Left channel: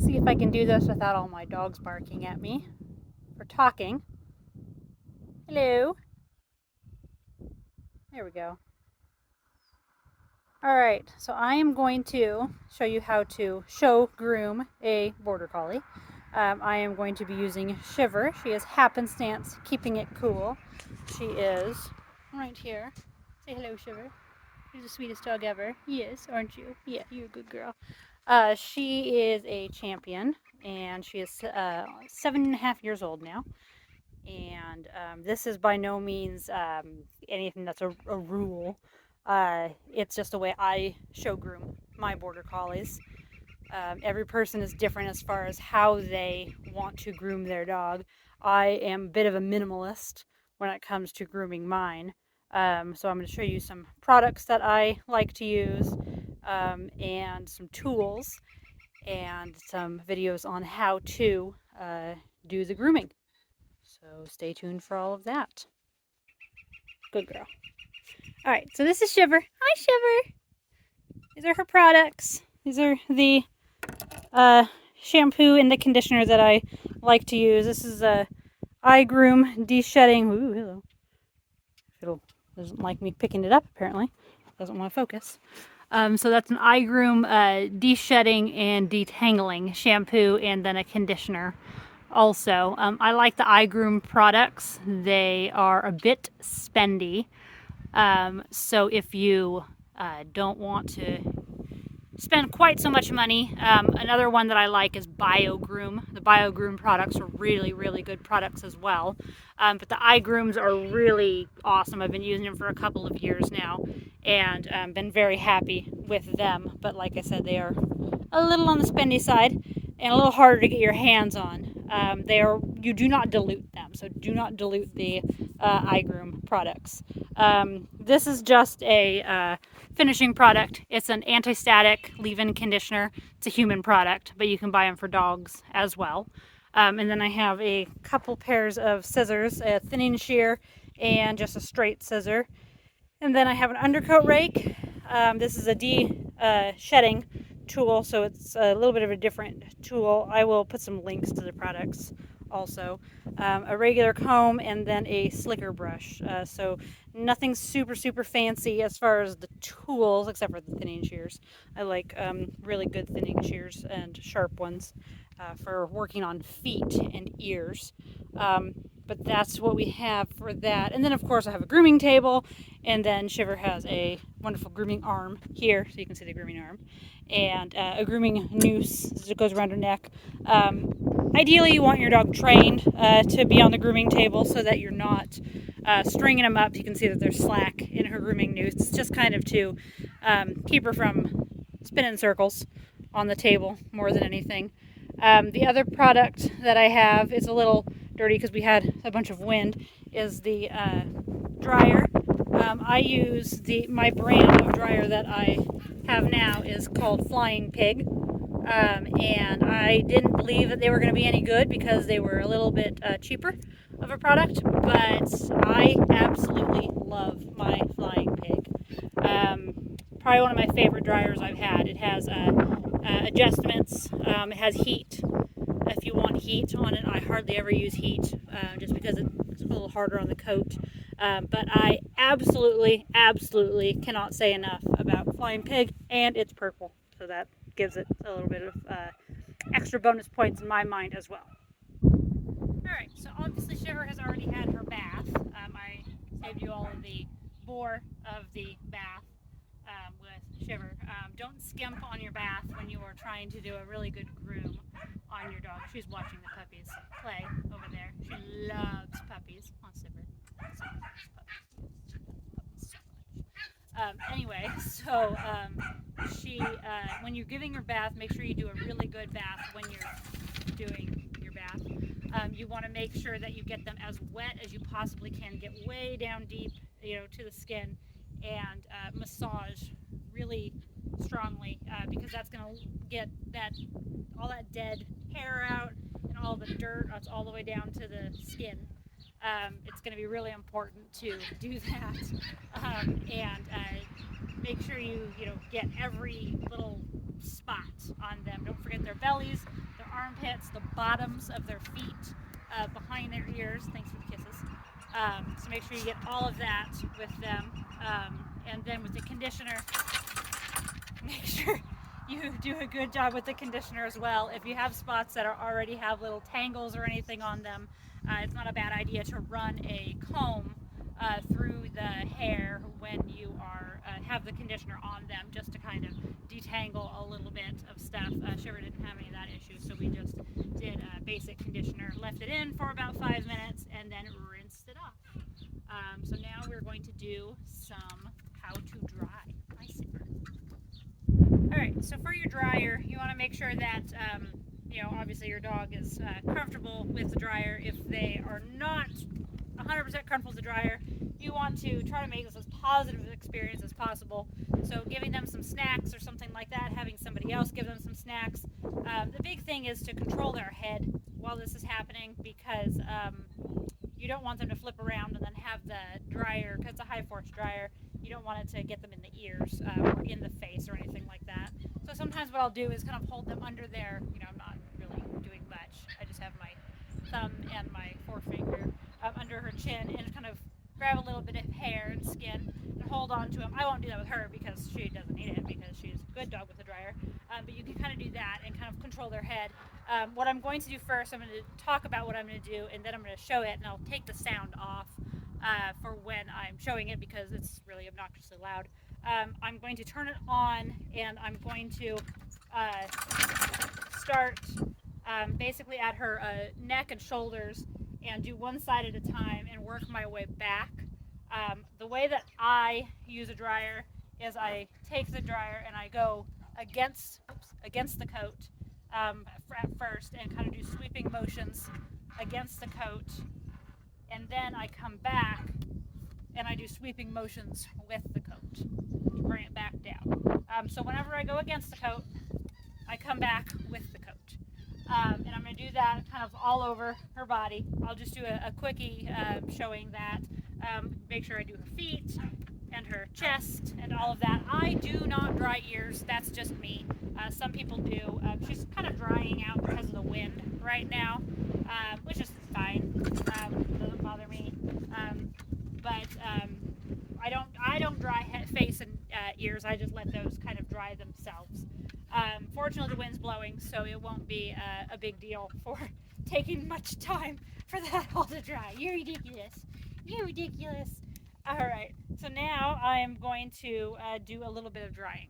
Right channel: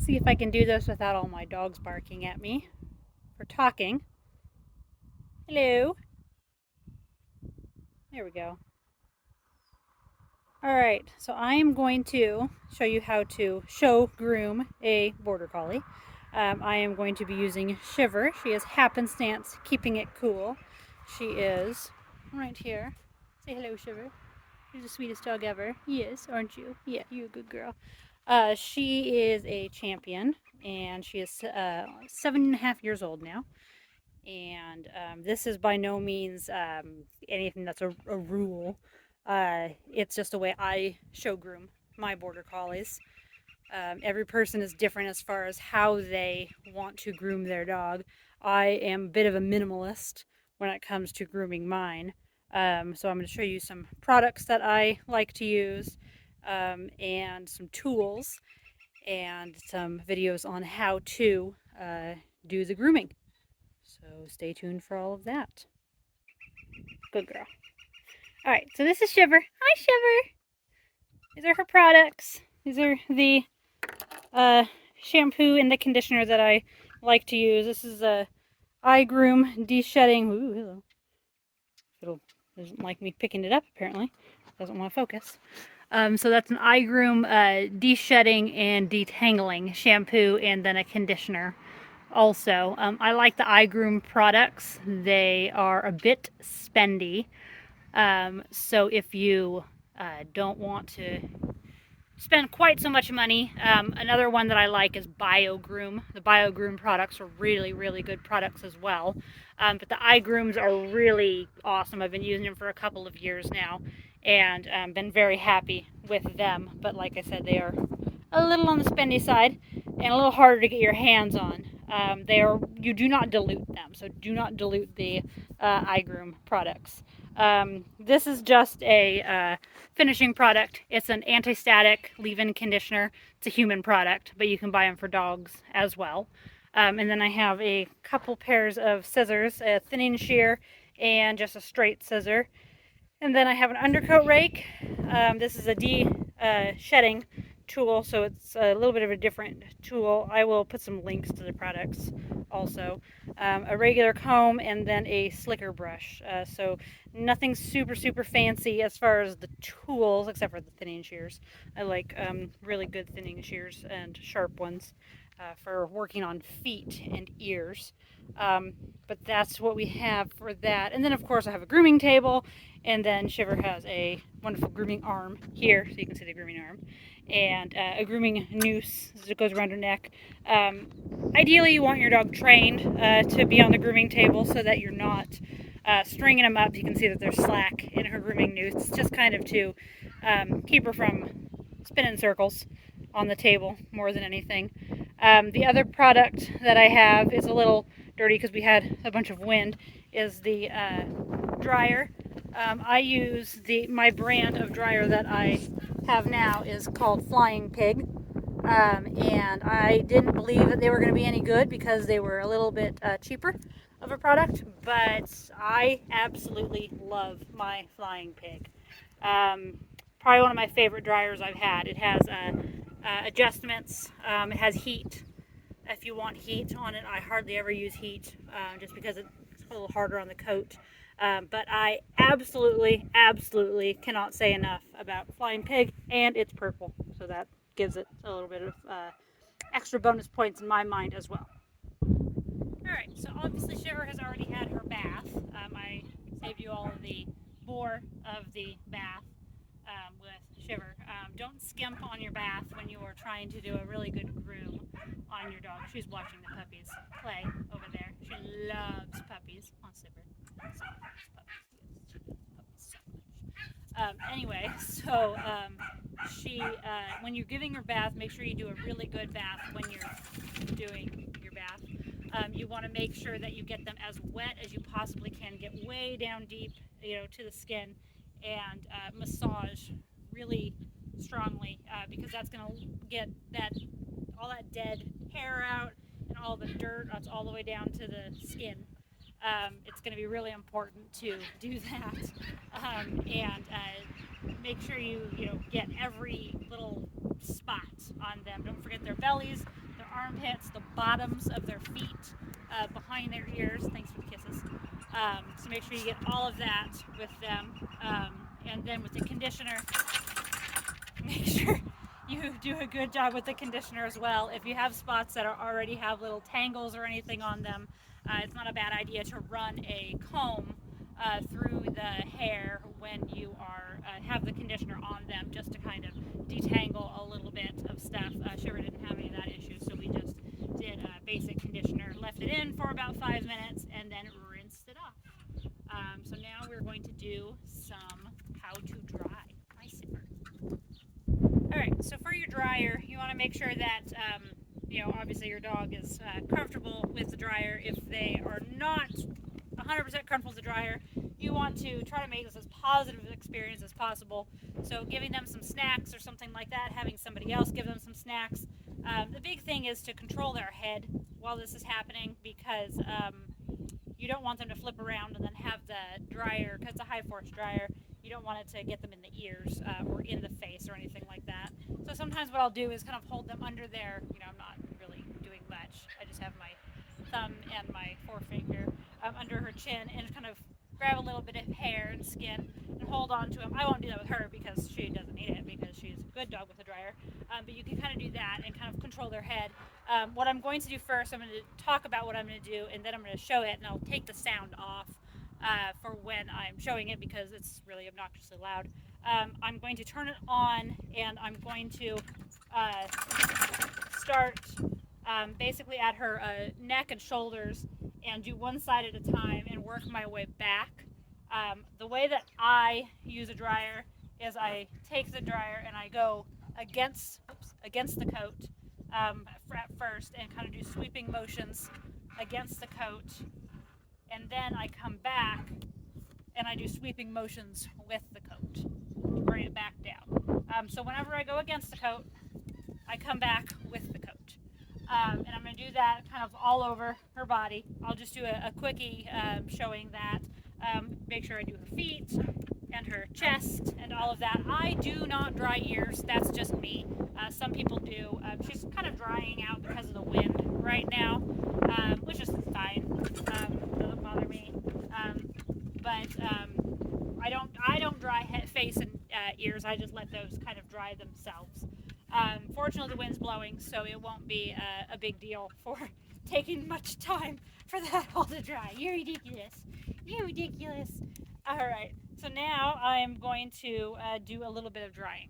See if I can do this without all my dogs barking at me for talking. Hello. There we go. All right, so I am going to show you how to groom a Border Collie. I am going to be using Shiver. She is Happenstance, keeping it cool. She is right here. Say hello, Shiver. You're the sweetest dog ever. Yes, aren't you? Yeah, you're a good girl. She is a champion, and she is 7.5 years old now. And this is by no means anything that's a rule. It's just a way I show groom my Border Collies. Every person is different as far as how they want to groom their dog. I am a bit of a minimalist when it comes to grooming mine. So I'm going to show you some products that I like to use, and some tools and some videos on how to do the grooming. So stay tuned for all of that. Good girl. All right, so this is Shiver. Hi, Shiver. These are her products. These are the shampoo and the conditioner that I like to use. This is a eye groom de-shedding. Ooh, hello. Fiddle doesn't like me picking it up, apparently. Doesn't want to focus. So that's an eye groom de-shedding and detangling shampoo, and then a conditioner also. I like the eye groom products. They are a bit spendy. So if you don't want to spend quite so much money, another one that I like is Groom. The Groom products are really, really good products as well. But the eye grooms are really awesome. I've been using them for a couple of years now, and been very happy with them. But like I said, they are a little on the spendy side and a little harder to get your hands on. You do not dilute them, so do not dilute the eye groom products. This is just a finishing product. It's an anti-static leave-in conditioner. It's a human product, but you can buy them for dogs as well. And then I have a couple pairs of scissors, a thinning shear and just a straight scissor. And then I have an undercoat rake. This is a de-shedding tool, so it's a little bit of a different tool. I will put some links to the products also. A regular comb, and then a slicker brush. So nothing super fancy as far as the tools, except for the thinning shears. I like really good thinning shears and sharp ones for working on feet and ears. But that's what we have for that. And then of course I have a grooming table, and then Shiver has a wonderful grooming arm here, so you can see the grooming arm, and a grooming noose that goes around her neck. Ideally, you want your dog trained to be on the grooming table so that you're not stringing them up. You can see that there's slack in her grooming noose, just kind of to keep her from spinning circles on the table more than anything. The other product that I have is a little dirty because we had a bunch of wind, is the dryer. I use my brand of dryer that I have now is called Flying Pig, and I didn't believe that they were going to be any good because they were a little bit cheaper of a product, but I absolutely love my Flying Pig. Probably one of my favorite dryers I've had. It has adjustments. It has heat. If you want heat on it, I hardly ever use heat just because it's a little harder on the coat. But I absolutely cannot say enough about Flying Pig, and it's purple, so that gives it a little bit of extra bonus points in my mind as well. Alright, so obviously Shiver has already had her bath. I saved you all of the bore of the bath with Shiver. Don't skimp on your bath when you are trying to do a really good groom on your dog. She's watching the puppies play over there. She loves puppies. On Shiver. Anyway, so when you're giving her bath, make sure you do a really good bath when you're doing your bath. You want to make sure that you get them as wet as you possibly can, get way down deep, to the skin, and massage really strongly, because that's going to get all that dead hair out and all the dirt that's all the way down to the skin. It's going to be really important to do that, and make sure you get every little spot on them. Don't forget their bellies. their armpits, the bottoms of their feet, behind their ears. Thanks for the kisses. So make sure you get all of that with them. And then with the conditioner, make sure you do a good job with the conditioner as well. If you have spots that already have little tangles or anything on them, it's not a bad idea to run a comb through the hair when you are have the conditioner on them, just to kind of detangle a little bit of stuff. Shiver didn't have any of that issue, so we just did a basic conditioner, left it in for about 5 minutes, and then rinsed it off. So now we're going to do some how to dry my zipper. Alright, so for your dryer, you want to make sure that, obviously your dog is comfortable with the dryer. If they are not 100% comfortable with the dryer, you want to try to make this as positive an experience as possible. So giving them some snacks or something like that, having somebody else give them some snacks. The big thing is to control their head while this is happening, because you don't want them to flip around and then have the dryer, because it's a high force dryer, you don't want it to get them in the ears or in the face or anything like that. So sometimes what I'll do is kind of hold them under their, I'm not really doing much. I just have my thumb and my forefinger under her chin and kind of grab a little bit of hair and skin and hold on to them. I won't do that with her because she doesn't need it, because she's a good dog with a dryer. But you can kind of do that and kind of control their head. What I'm going to do first, I'm going to talk about what I'm going to do, and then I'm going to show it, and I'll take the sound off for when I'm showing it, because it's really obnoxiously loud. I'm going to turn it on, and I'm going to start basically at her neck and shoulders, and do one side at a time and work my way back. The way that I use a dryer is I take the dryer and I go against the coat at first, and kind of do sweeping motions against the coat, and then I come back and I do sweeping motions with the coat, bring it back down. So whenever I go against the coat, I come back with the coat. And I'm going to do that kind of all over her body. I'll just do a quickie showing that. Make sure I do her feet and her chest and all of that. I do not dry ears. That's just me. Some people do. She's kind of drying out because of the wind right now, which is fine. Doesn't bother me. I don't dry face and ears. I just let those kind of dry themselves. Fortunately, the wind's blowing, so it won't be a big deal for taking much time for that all to dry. You're ridiculous. You're ridiculous. All right, so now I'm going to do a little bit of drying.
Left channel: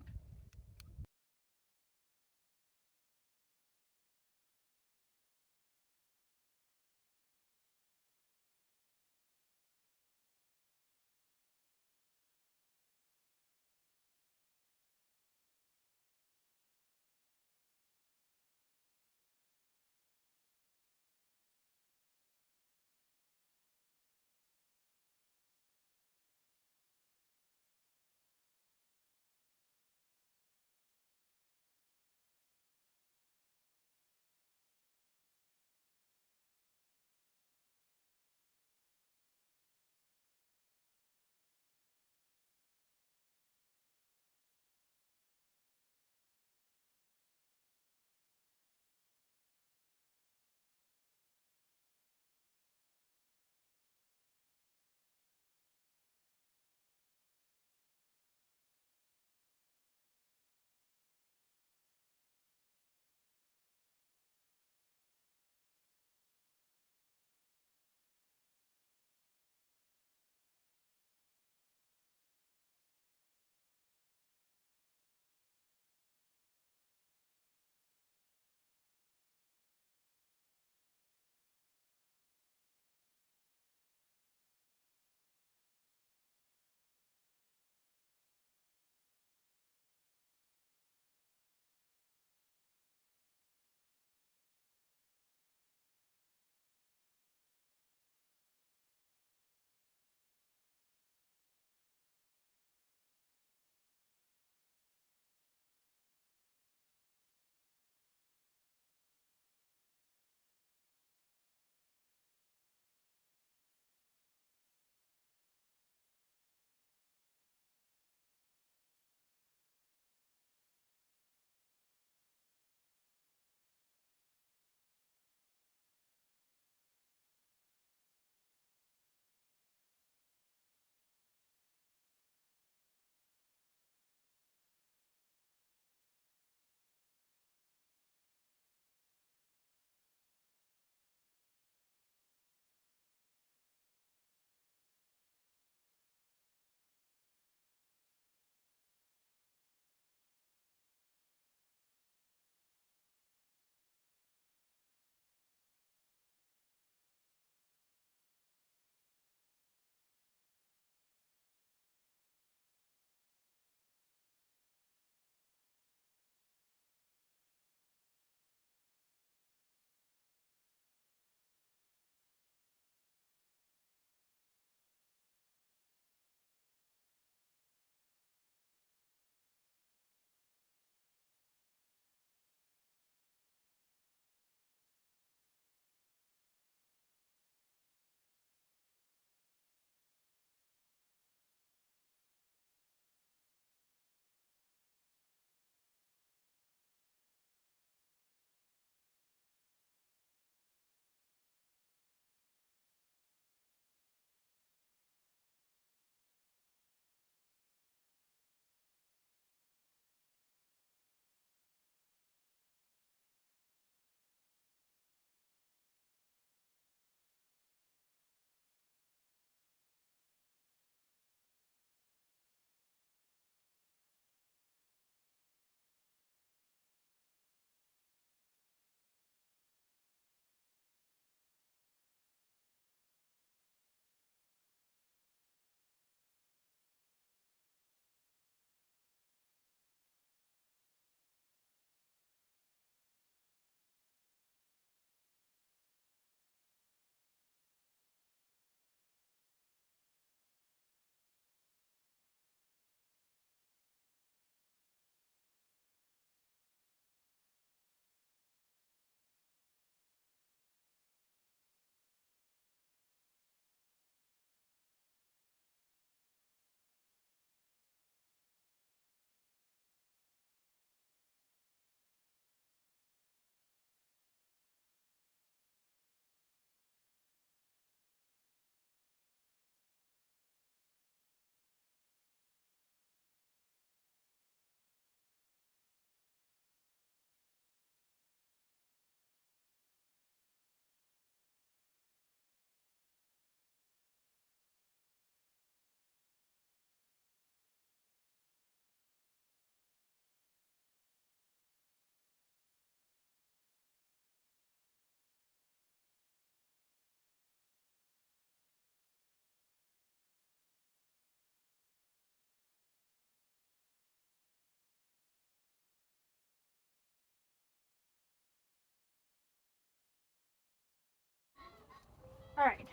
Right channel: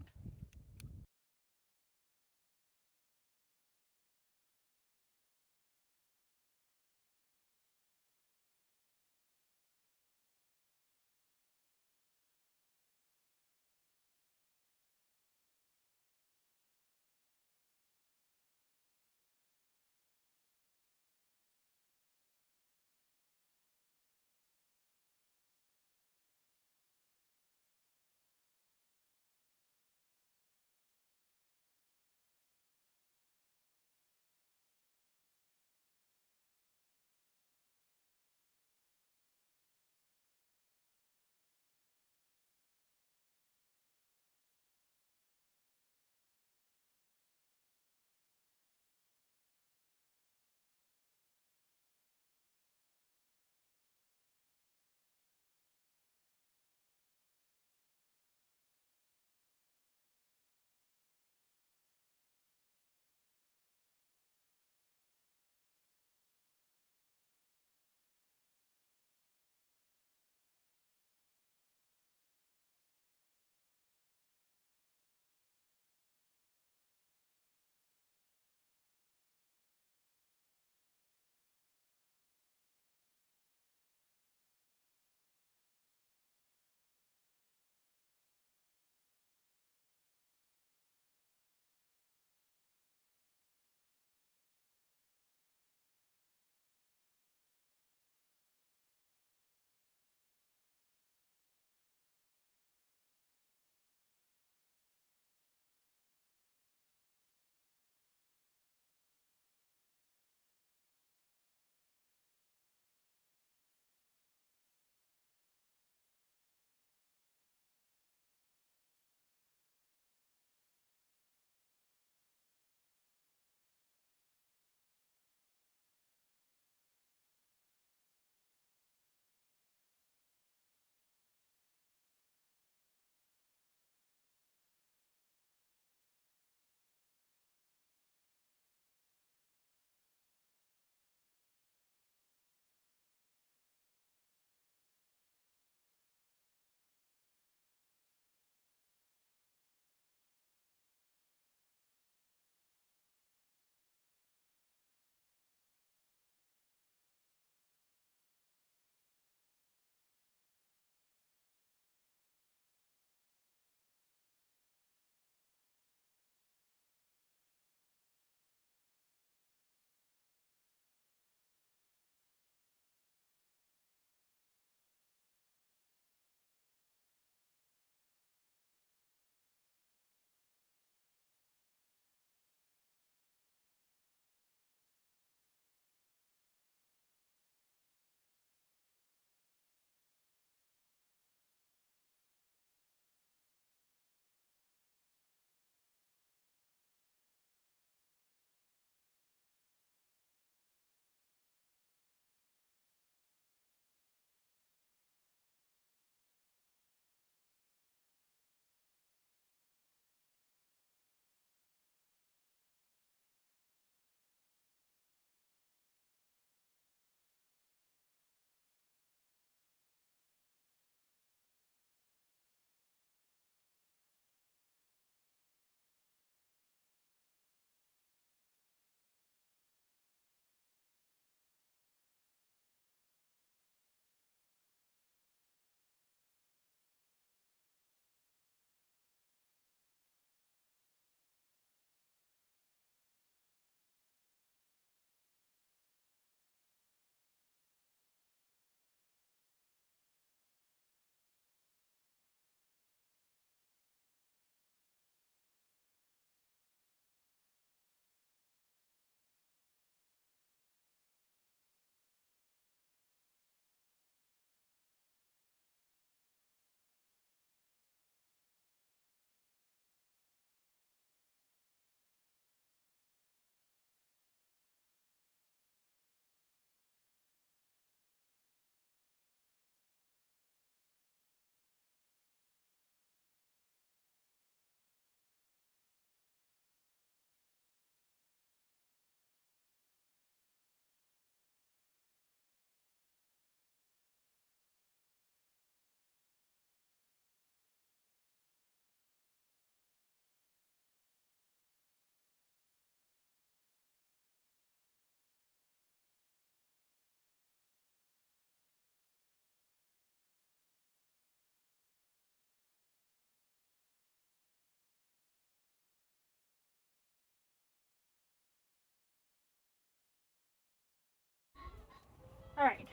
All right.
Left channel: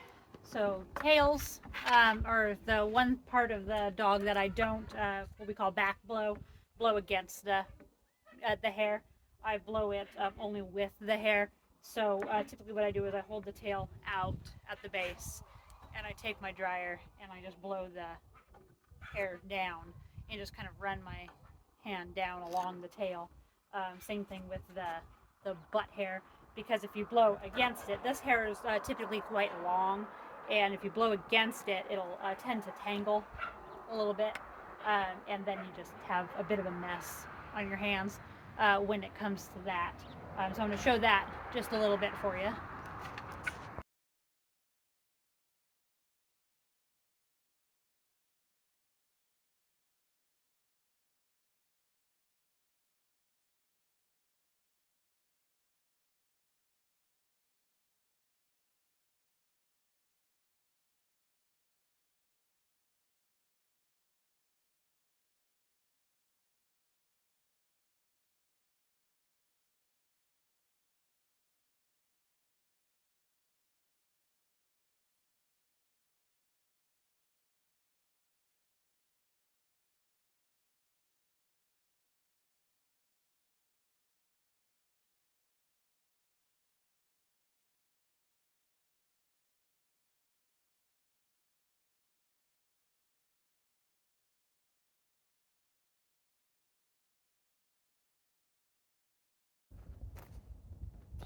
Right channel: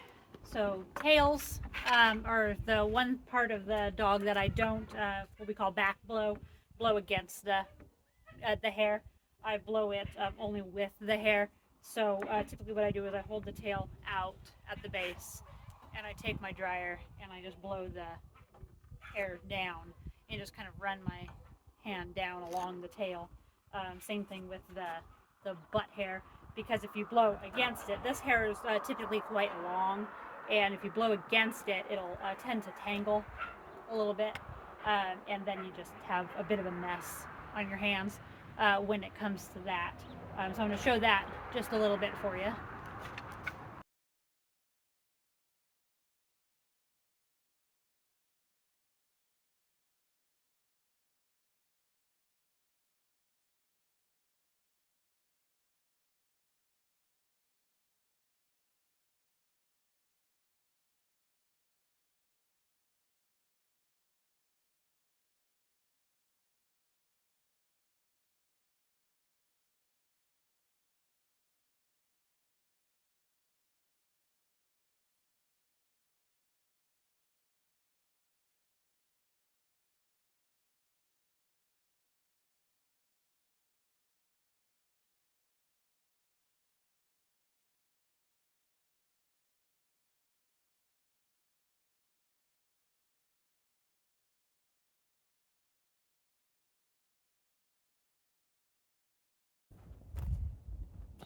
So tails are the one part of the dog that I don't, what we call back blow against the hair. I blow it only with the hair. So typically what I do is I hold the tail out at the base and I take my dryer and I just blow the hair down and just kind of run my hand down along the tail. Same thing with the butt hair, because if you blow against it, this hair is typically quite long, and if you blow against it, it'll tend to tangle a little bit, and then you just have a bit of a mess on your hands when it comes to that. So I'm going to show that just a little bit for you.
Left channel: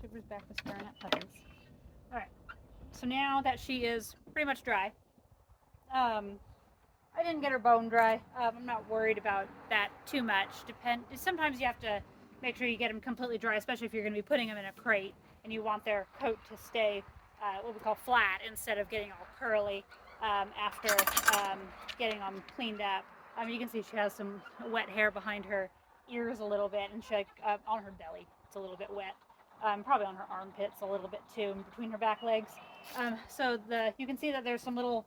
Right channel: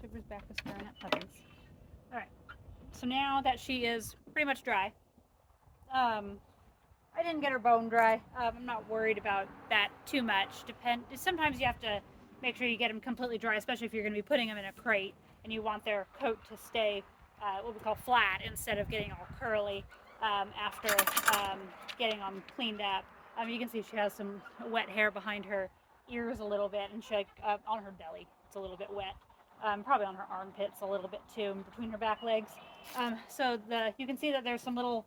Sugar's back to staring at puppies. All right. So now that she is pretty much dry, I didn't get her bone dry. I'm not worried about that too much. Sometimes you have to make sure you get them completely dry, especially if you're going to be putting them in a crate and you want their coat to stay what we call flat instead of getting all curly after getting them cleaned up. You can see she has some wet hair behind her ears a little bit, and she on her belly it's a little bit wet. Probably on her armpits a little bit too, and between her back legs. So you can see that there's some little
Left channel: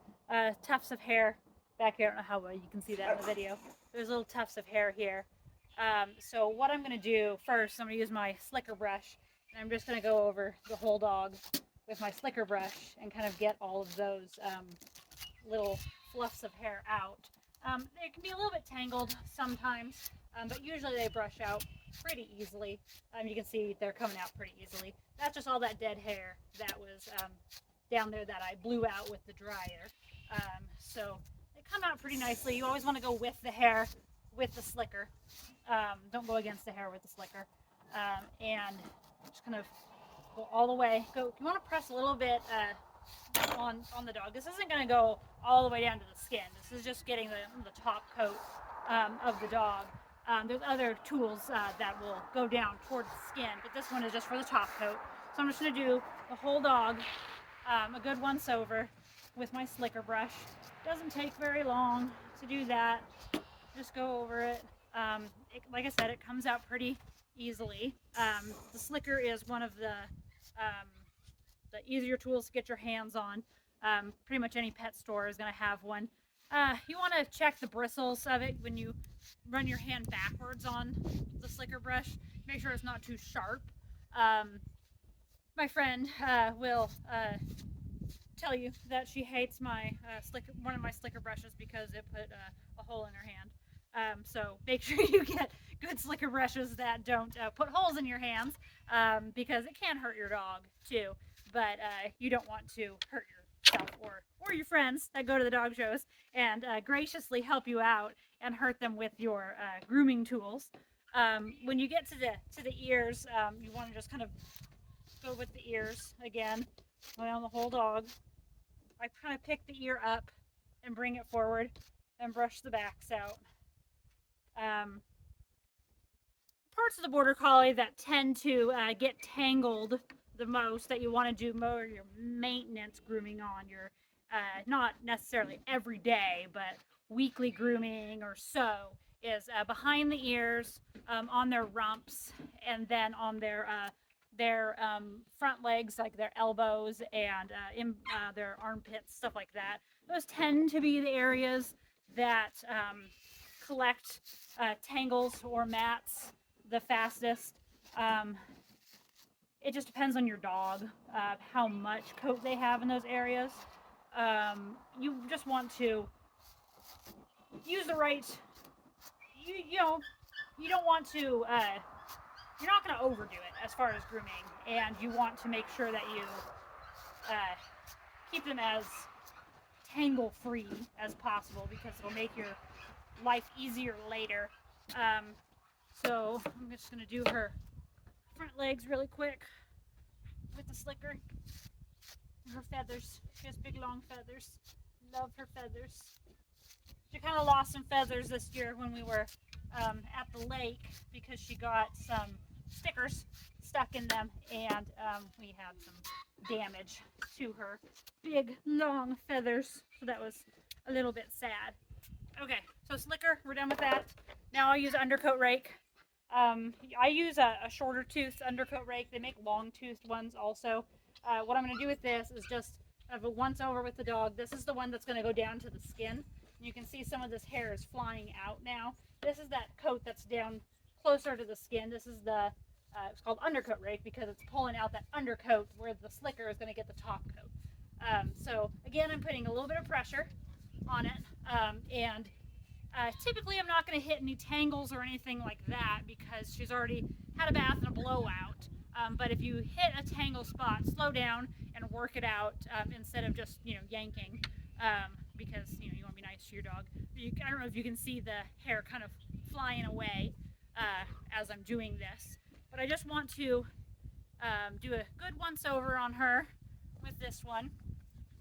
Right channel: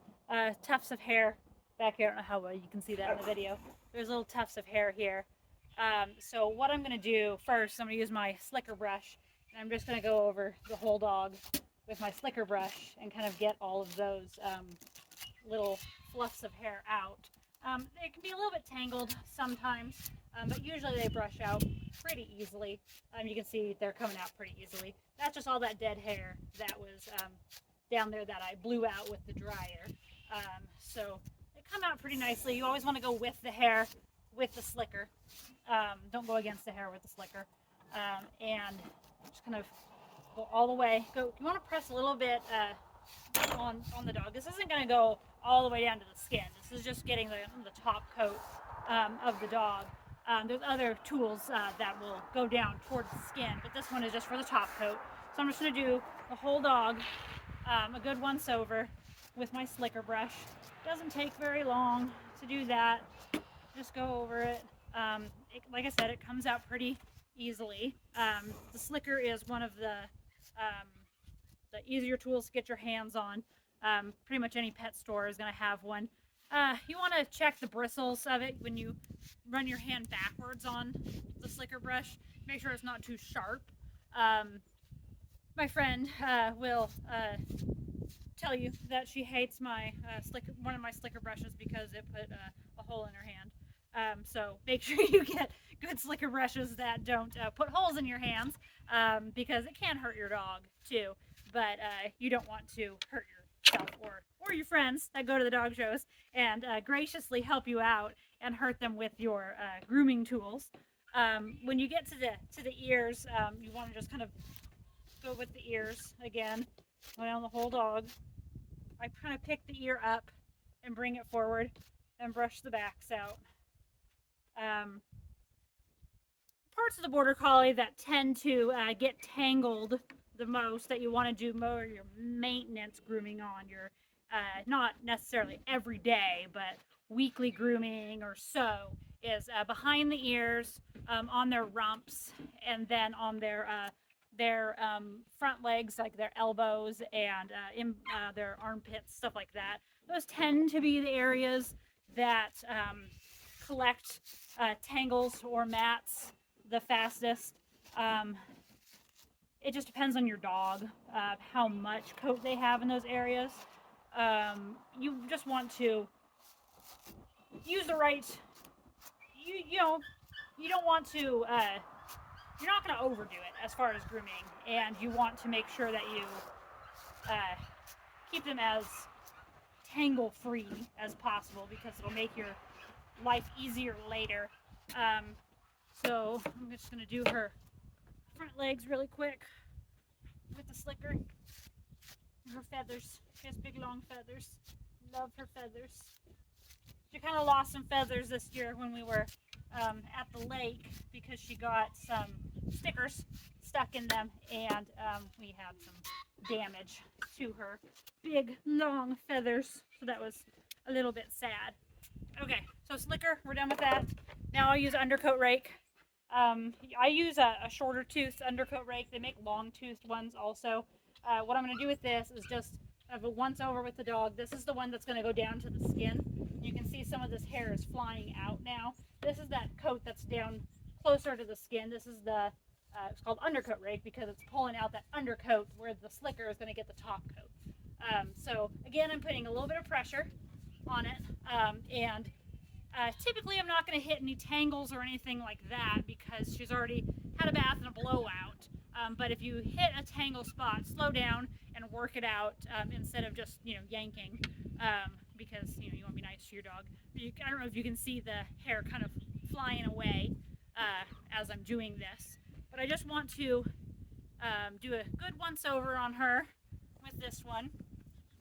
tufts of hair back here. I don't know how well you can see that in the video. There's little tufts of hair here. So what I'm going to do first, I'm going to use my slicker brush, and I'm just going to go over the whole dog with my slicker brush and kind of get all of those little fluffs of hair out. They can be a little bit tangled sometimes, but usually they brush out pretty easily. You can see they're coming out pretty easily. That's just all that dead hair that was down there that I blew out with the dryer. So they come out pretty nicely. You always want to go with the hair with the slicker. Don't go against the hair with the slicker. And just kind of go all the way. You want to press a little bit on the dog. This isn't going to go all the way down to the skin. This is just getting the top coat of the dog. There's other tools that will go down towards the skin, but this one is just for the top coat. So I'm just going to do the whole dog a good once over with my slicker brush. Doesn't take very long to do that. Just go over it. Like I said, it comes out pretty easily. The slicker is one of the easier tools to get your hands on. Pretty much any pet store is going to have one. You want to check the bristles of it when you run your hand backwards on the slicker brush. Make sure it's not too sharp. My friend will tell you that she hates my one of my slicker brushes because it put a hole in her hand. So make sure you get good slicker brushes that don't put holes in your hands, because it can hurt your dog too. But you don't want to hurt yourself or your friends that go to the dog shows and graciously help you out and hurt them with your grooming tools. When you get to the ears, you want to just kind of go with the ears again, go down the whole dog. I kind of pick the ear up and bring it forward and brush the backs out. Parts of the Border Collie that tend to get tangled the most, that you want to do more your maintenance grooming on, your not necessarily every day, but weekly grooming or so, is behind the ears, on their rumps, and then on their front legs, like their elbows and in their armpits, stuff like that. Those tend to be the areas that collect tangles or mats the fastest. it just depends on your dog, how much coat they have in those areas. You just want to use the right, you know, you don't want to, you're not going to overdo it as far as grooming, and you want to make sure that you keep them as tangle free as possible, because it'll make your life easier later. So I'm just going to do her front legs really quick with the slicker. Her feathers, she has big long feathers. Love her feathers. She kind of lost some feathers this year when we were at the lake, because she got some stickers stuck in them, and we had some damage to her big long feathers, so that was a little bit sad. Okay, so slicker, we're done with that. Now I'll use undercoat rake. I use a shorter tooth undercoat rake. They make long toothed ones also. What I'm going to do with this is just have a once over with the dog. This is the one that's going to go down to the skin. You can see some of this hair is flying out now. This is that coat that's down closer to the skin. This is the, it's called undercoat rake because it's pulling out that undercoat where the slicker is going to get the top coat. So again, I'm putting a little bit of pressure on it, and typically I'm not going to hit any tangles or anything like that because she's already had a bath and a blowout. But if you hit a tangle spot, slow down and work it out, instead of just, yanking, because, you want to be nice to your dog. I don't know if you can see the hair kind of flying away as I'm doing this. But I just want to do a good once over on her with this one.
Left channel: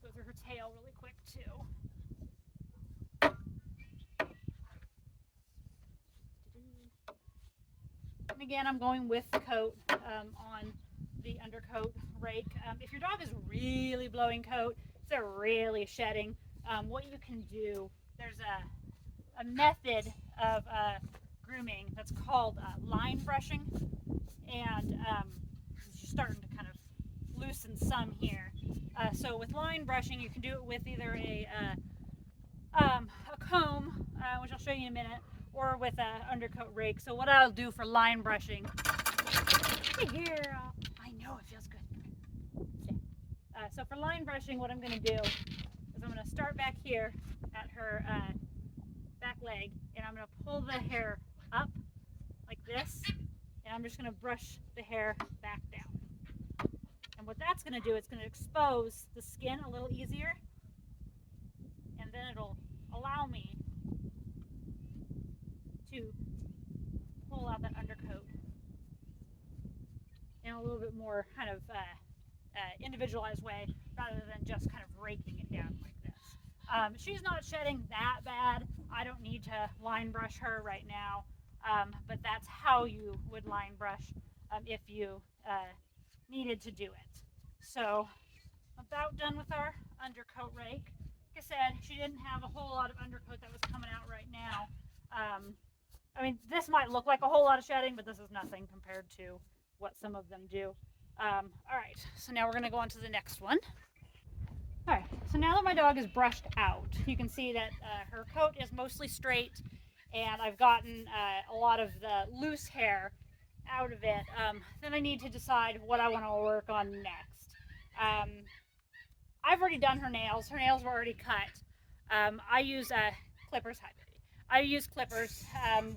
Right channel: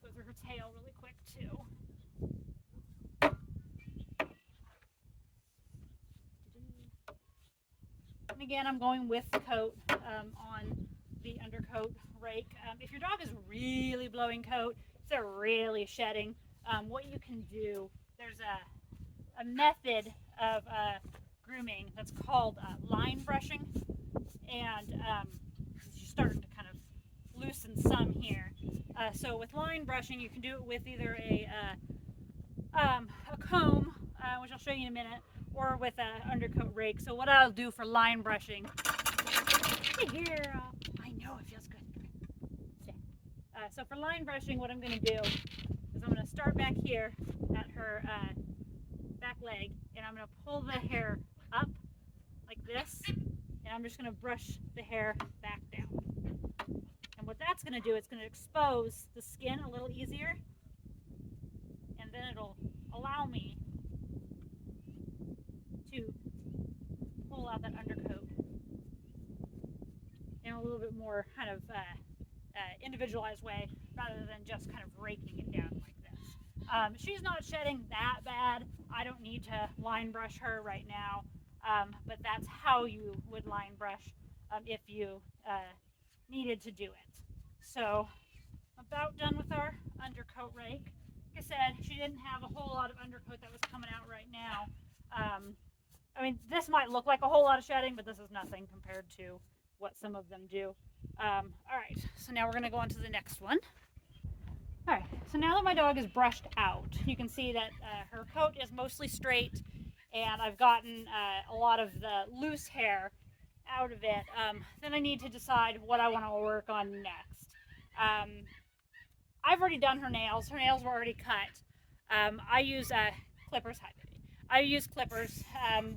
Go through her tail really quick too. And again, I'm going with the coat on the undercoat rake. If your dog is really blowing coat, if they're really shedding, what you can do, there's a method of grooming that's called line brushing. And you're starting to kind of loosen some here. So with line brushing, you can do it with either a comb, which I'll show you in a minute, or with an undercoat rake. So what I'll do for line brushing, hey girl, I know it feels good. Okay. So for line brushing, what I'm going to do is I'm going to start back here at her back leg, and I'm going to pull the hair up like this, and I'm just going to brush the hair back down. And what that's going to do, it's going to expose the skin a little easier, and then it'll allow me to pull out that undercoat in a little bit more kind of individualized way, rather than just kind of raking it down like this. She's not shedding that bad. I don't need to line brush her right now, but that's how you would line brush if you needed to do it. So about done with our undercoat rake. Like I said, she didn't have a whole lot of undercoat that was coming out right now. I mean, this might look like a whole lot of shedding, but this is nothing compared to what some of them do. All right, so now we're going to go on to the next one. All right, so now that my dog is brushed out, you can see that her coat is mostly straight, and I've gotten a lot of the loose hair out of it. Then I need to decide what I want to work on next. I've already done her nails. Her nails were already cut. I use clippers. I use clippers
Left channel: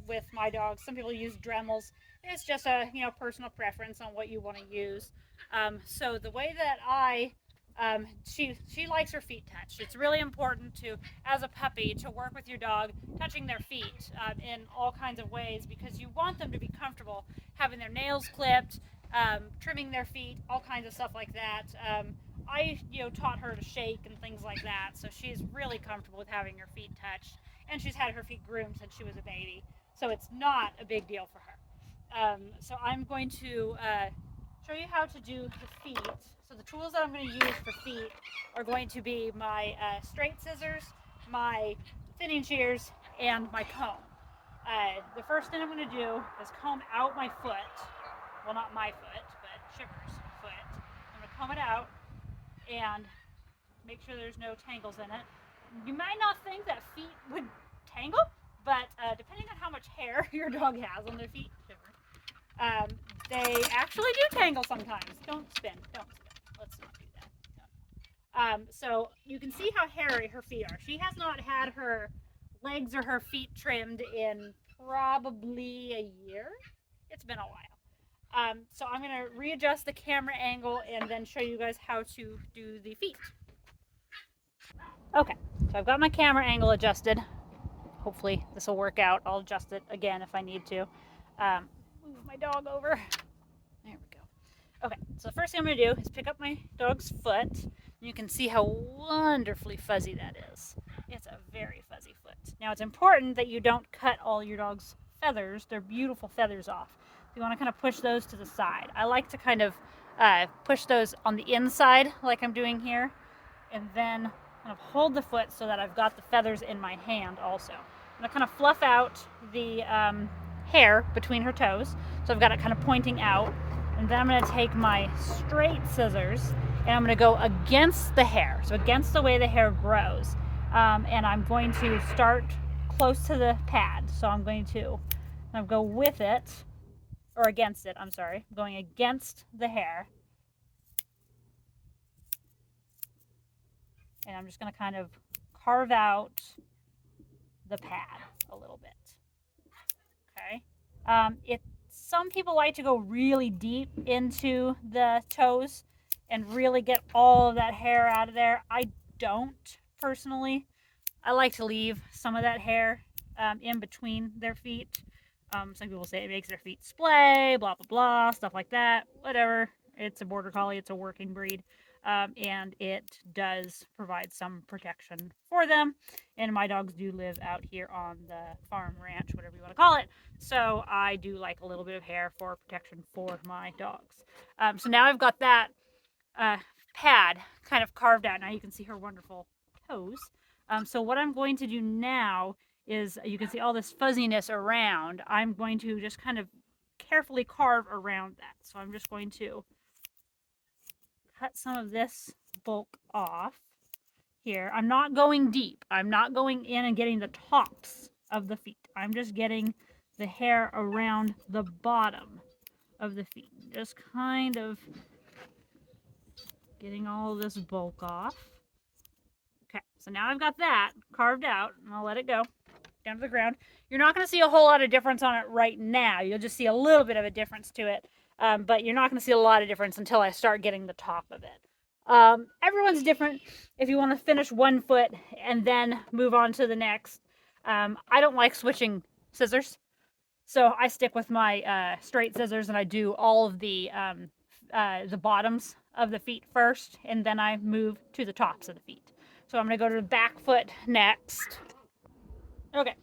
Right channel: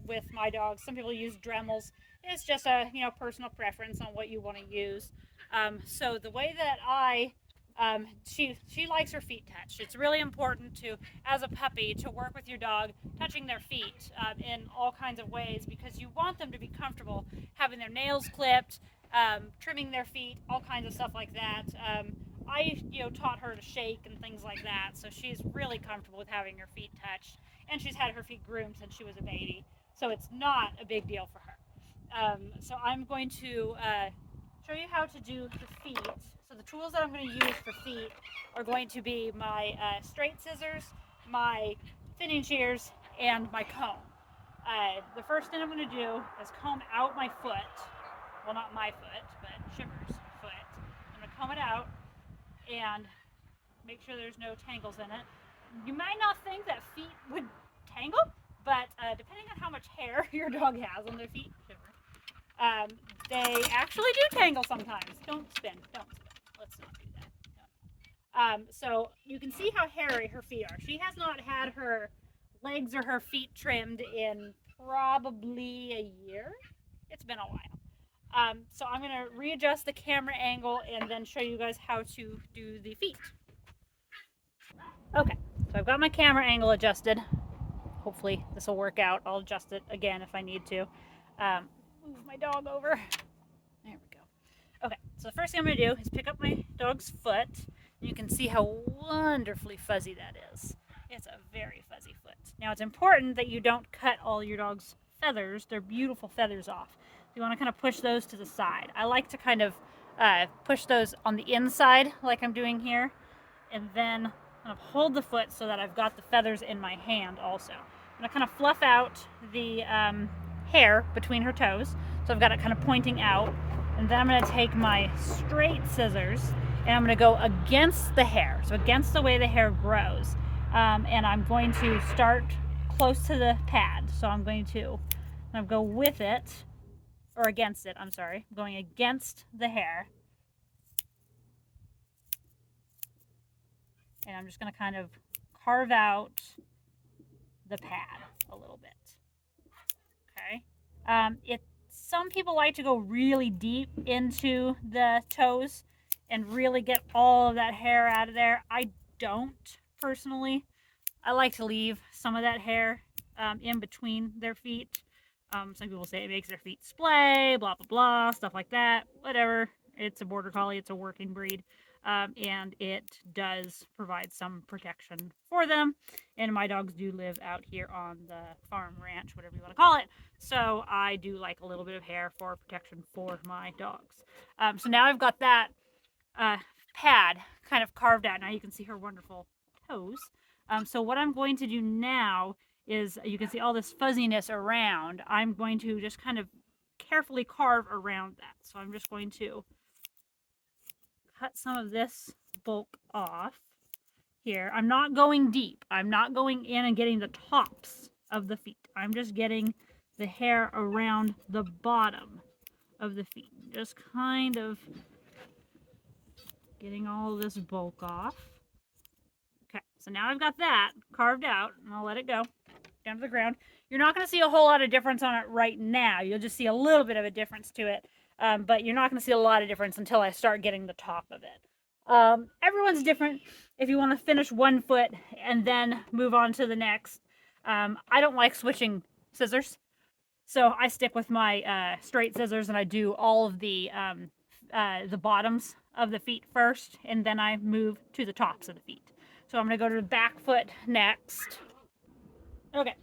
with my dogs. Some people use Dremels. It's just a personal preference on what you want to use. So the way that she likes her feet touched. It's really important to, as a puppy, to work with your dog touching their feet in all kinds of ways, because you want them to be comfortable having their nails clipped, trimming their feet, all kinds of stuff like that. I taught her to shake and things like that, so she's really comfortable with having her feet touched, and she's had her feet groomed since she was a baby, so it's not a big deal for her. So I'm going to show you how to do the feet. So the tools that I'm going to use for feet are going to be my straight scissors, my thinning shears, and my comb. The first thing I'm going to do is comb out my foot. Well, not my foot, but Shiver's foot. I'm going to comb it out and make sure there's no tangles in it. You might not think that feet would tangle, but depending on how much hair your dog has on their feet, They actually do tangle sometimes. Don't spin. Don't spin. Let's not do that. So you can see how hairy her feet are. She has not had her legs or her feet trimmed in probably a year. It's been a while. So I'm going to readjust the camera angle and then show you guys how to do the feet. Okay, so I've got my camera angle adjusted. Hopefully this will work out. I'll adjust it again if I need to. Move my dog over. There we go. Okay, so the first thing I'm going to do is pick up my dog's foot. And you can see how wonderfully fuzzy that is. It's a very fuzzy foot. Now it's important that you don't cut all your dog's feathers, their beautiful feathers, off. You want to kind of push those to the side. I like to kind of push those on the inside like I'm doing here, and then kind of hold the foot so that I've got the feathers in my hand also. I'm going to kind of fluff out the hair between her toes, so I've got it kind of pointing out, and then I'm going to take my straight scissors and I'm going to go against the hair, so against the way the hair grows, and I'm going to start close to the pad. So I'm going to go with it, or against it, I'm sorry, I'm going against the hair, and I'm just going to kind of carve out the pad a little bit. Okay. Some people like to go really deep into the toes and really get all of that hair out of there. I don't personally. I like to leave some of that hair in between their feet. Some people say it makes their feet splay, blah, blah, blah, stuff like that. Whatever. It's a Border Collie. It's a working breed. And it does provide some protection for them. And my dogs do live out here on the farm, ranch, whatever you want to call it. So I do like a little bit of hair for protection for my dogs. So now I've got that pad kind of carved out. Now you can see her wonderful toes. So what I'm going to do now is, you can see all this fuzziness around. I'm going to just kind of carefully carve around that. So I'm just going to cut some of this bulk off here. I'm not going deep. I'm not going in and getting the tops of the feet. I'm just getting the hair around the bottom of the feet. Just kind of getting all this bulk off. Okay, so now I've got that carved out, and I'll let it go down to the ground. You're not going to see a whole lot of difference on it right now. You'll just see a little bit of a difference to it, but you're not going to see a lot of difference until I start getting the top of it. Everyone's different. If you want to finish one foot and then move on to the next, I don't like switching scissors, so I stick with my straight scissors, and I do all of the bottoms of the feet first, and then I move to the tops of the feet. So I'm going to go to the back foot next. Okay,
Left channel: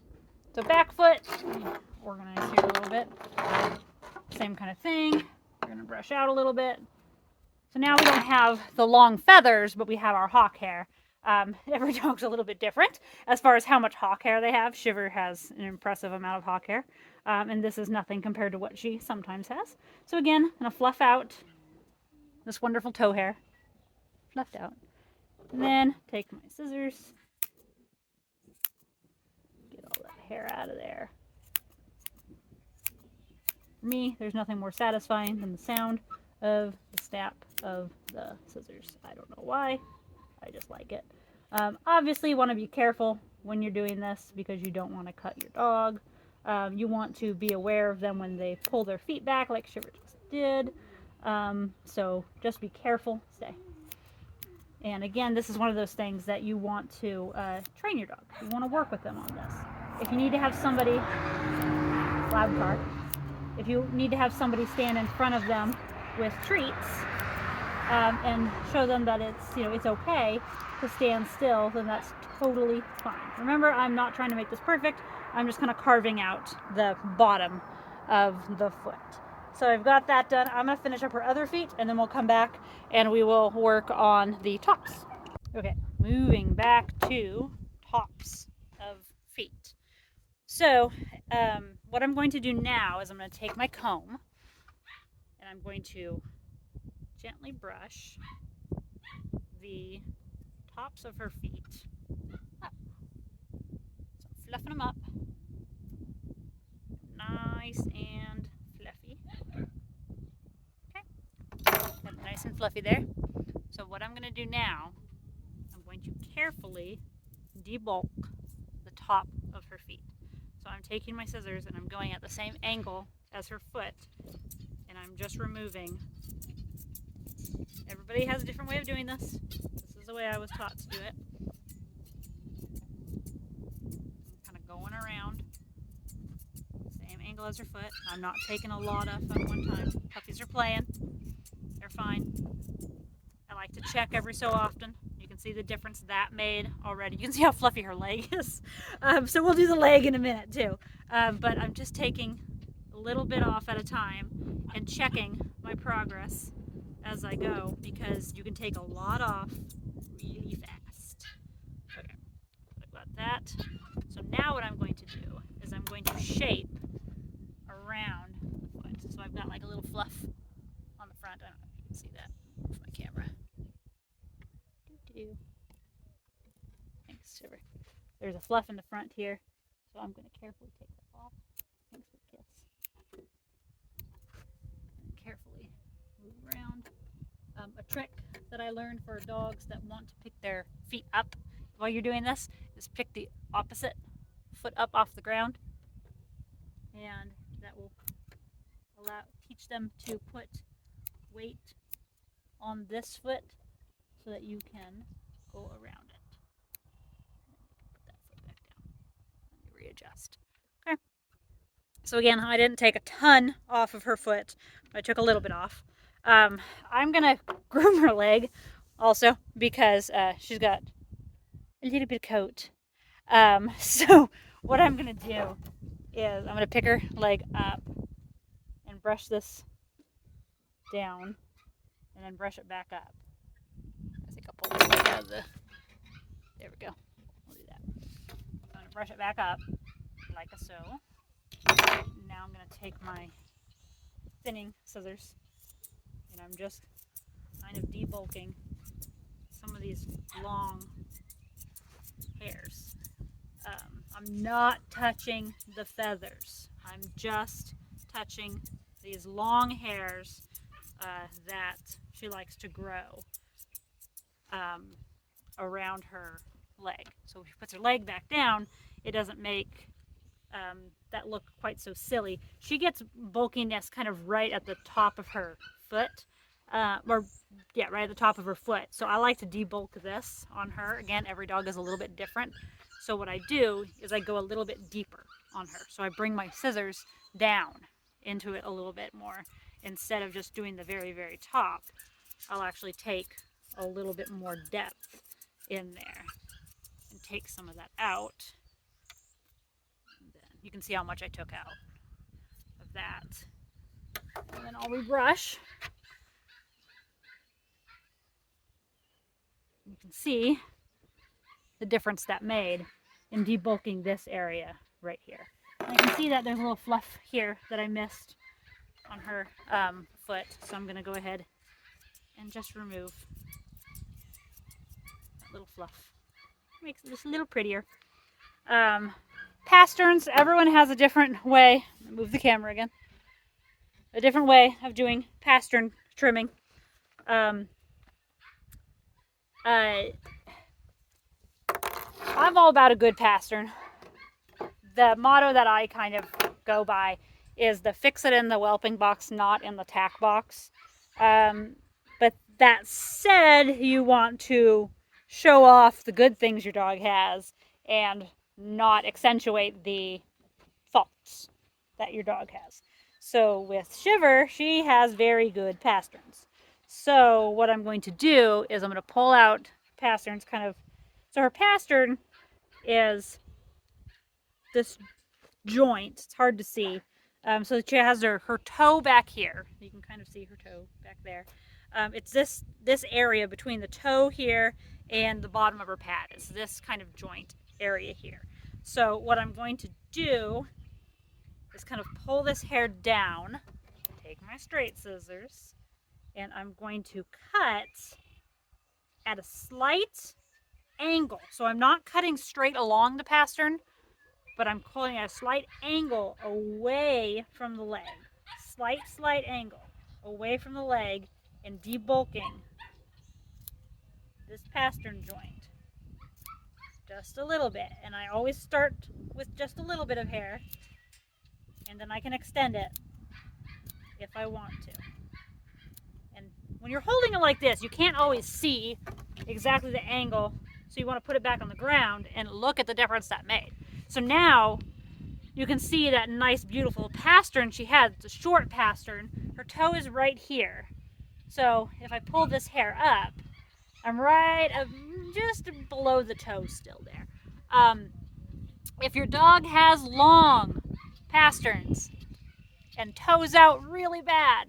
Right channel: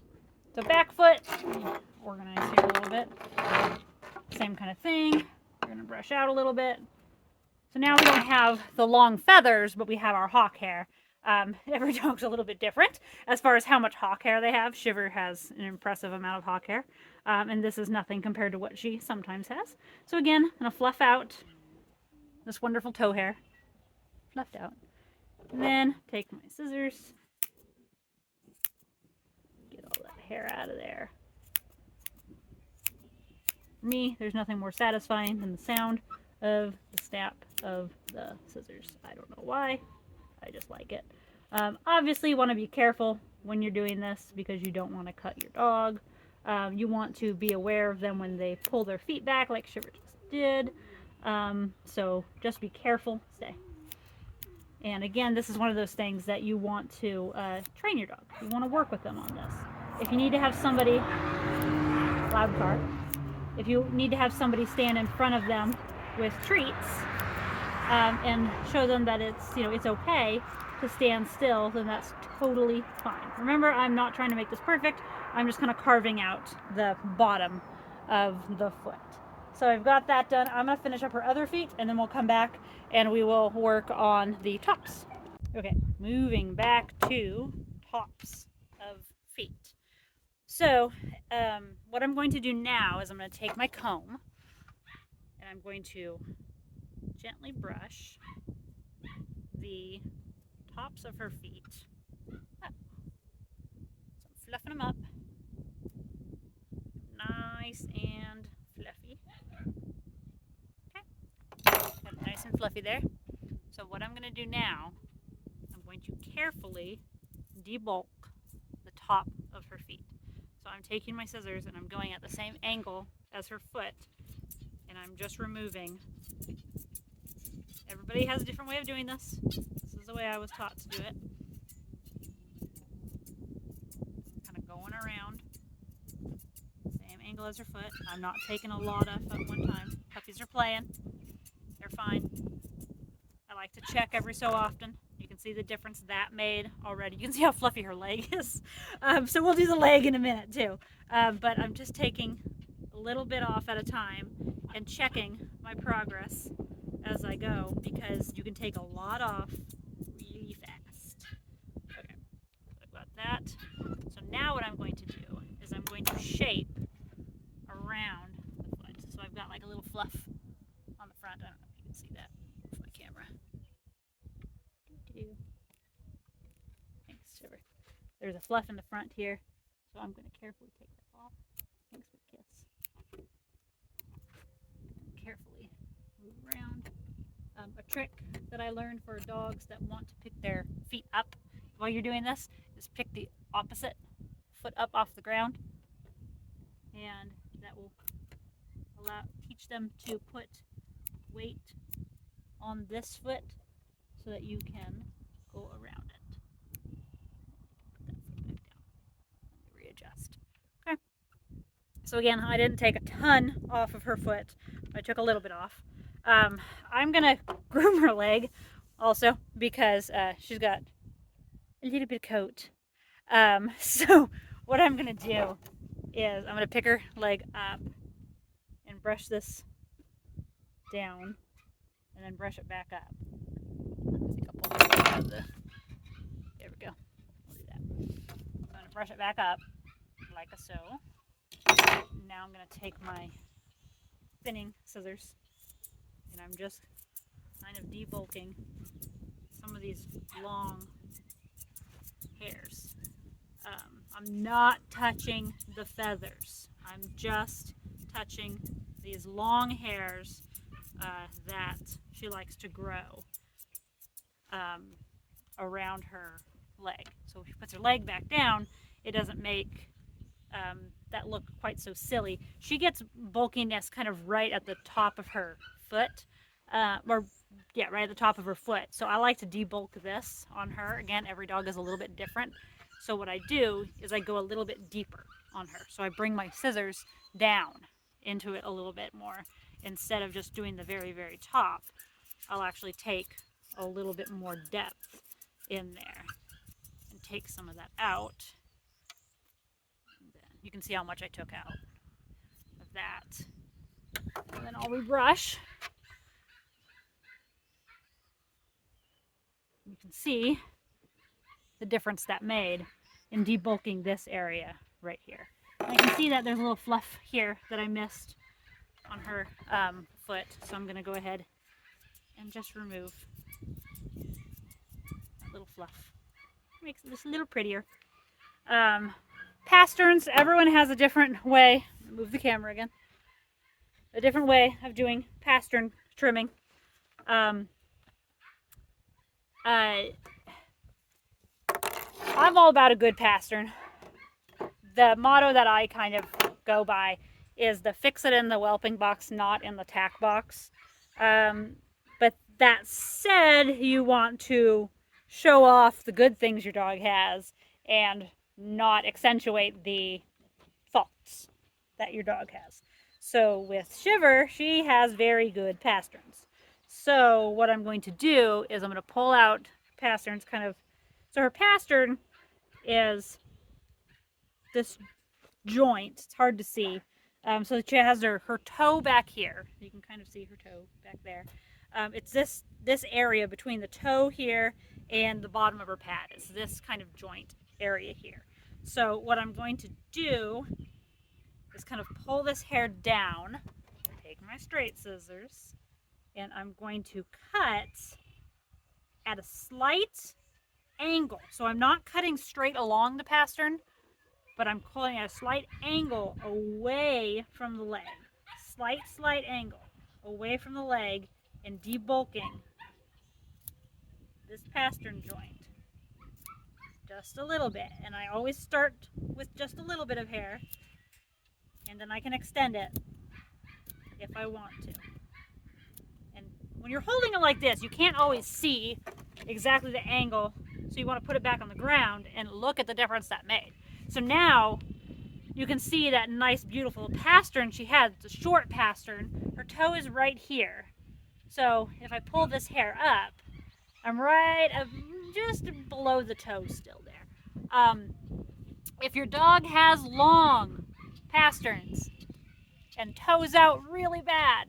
so back foot, organize here a little bit. Same kind of thing. We're going to brush out a little bit. So now we don't have the long feathers, but we have our hawk hair. Every dog's a little bit different as far as how much hawk hair they have. Shiver has an impressive amount of hawk hair, and this is nothing compared to what she sometimes has. So again, I'm going to fluff out this wonderful toe hair. Fluffed out. And then take my scissors, get all that hair out of there. For me, there's nothing more satisfying than the sound of the snap of the scissors. I don't know why, I just like it. Obviously, you want to be careful when you're doing this because you don't want to cut your dog. You want to be aware of them when they pull their feet back like Shiver just did. So just be careful. Stay. And again, this is one of those things that you want to train your dog. You want to work with them on this. If you need to have somebody, loud car, if you need to have somebody stand in front of them with treats and show them that it's okay to stand still, then that's totally fine. Remember, I'm not trying to make this perfect. I'm just kind of carving out the bottom of the foot. So I've got that done. I'm going to finish up her other feet, and then we'll come back and we will work on the tops. Okay, moving back to tops of feet. So what I'm going to do now is I'm going to take my comb and I'm going to gently brush the tops of her feet up. So I'm fluffing them up nice and fluffy. Fluffy there. So what I'm going to do now, I'm going to carefully debulk the top of her feet. So I'm taking my scissors and I'm going at the same angle as her foot, and I'm just removing. Everybody has a different way of doing this. This is the way I was taught to do it. I'm kind of going around, same angle as her foot. I'm not taking a lot off at one time. Puppies are playing. They're fine. I like to check every so often. You can see the difference that made already. You can see how fluffy her leg is. So we'll do the leg in a minute too. But I'm just taking a little bit off at a time and checking my progress as I go, because you can take a lot off really fast. Okay, I got that. So now what I'm going to do is I'm going to shape around the foot. So I've got like a little fluff on the front. I don't know if you can see that with my camera. Thanks, Shiver. There's a fluff in the front here, so I'm going to carefully take that off. Thanks for the kiss. And carefully move around. A trick that I learned for dogs that want to pick their feet up while you're doing this is pick the opposite foot up off the ground, and that will teach them to put weight on this foot so that you can go around it. Put that foot back down and readjust. Okay. So again, I didn't take a ton off of her foot. I took a little bit off. I'm gonna groom her leg also because she's got a little bit of coat. So what I'm gonna do is I'm gonna pick her leg up and brush this down, and then brush it back up. I think I'll pull this out of the. There we go. We'll do that. I'm gonna brush it back up like so. Now I'm gonna take my thinning scissors, and I'm just kind of debulking some of these long hairs. I'm not touching the feathers. I'm just touching these long hairs that she likes to grow around her leg. So if she puts her leg back down, it doesn't make that look quite so silly. She gets bulkiness kind of right at the top of her foot, right at the top of her foot. So I like to debulk this on her. Again, every dog is a little bit different. So what I do is I go a little bit deeper on her. So I bring my scissors down into it a little bit more. Instead of just doing the very, very top, I'll actually take a little bit more depth in there and take some of that out. And then you can see how much I took out of that. And then I'll rebrush. You can see the difference that made in debulking this area right here. And I can see that there's a little fluff here that I missed on her foot, so I'm going to go ahead and just remove that little fluff. Makes it just a little prettier. Pasterns, everyone has a different way. Move the camera again. A different way of doing pastern trimming. I'm all about a good pastern. The motto that I kind of go by is the fix it in the whelping box, not in the tack box. But that said, you want to show off the good things your dog has and not accentuate the faults that your dog has. So with Shiver, she has very good pasterns. So what I'm going to do is I'm going to pull out pasterns kind of. So her pastern is this joint. It's hard to see. So she has her toe back here. You can kind of see her toe back there. It's this area between the toe here and the bottom of her pad. It's this kind of joint area here. So what I'm going to do is kind of pull this hair down, take my straight scissors, and I'm going to cut at a slight angle. So I'm not cutting straight along the pastern, but I'm pulling at a slight angle away from the leg. Slight angle away from the leg and debulking this pastern joint just a little bit. And I always start with just a little bit of hair, and then I can extend it if I want to. And when you're holding it like this, you can't always see exactly the angle, so you want to put it back on the ground and look at the difference that made. So now you can see that nice beautiful pastern she had. It's a short pastern. Her toe is right here. So if I pull this hair up, I'm right just below the toe still there. If your dog has long pasterns and toes out really bad,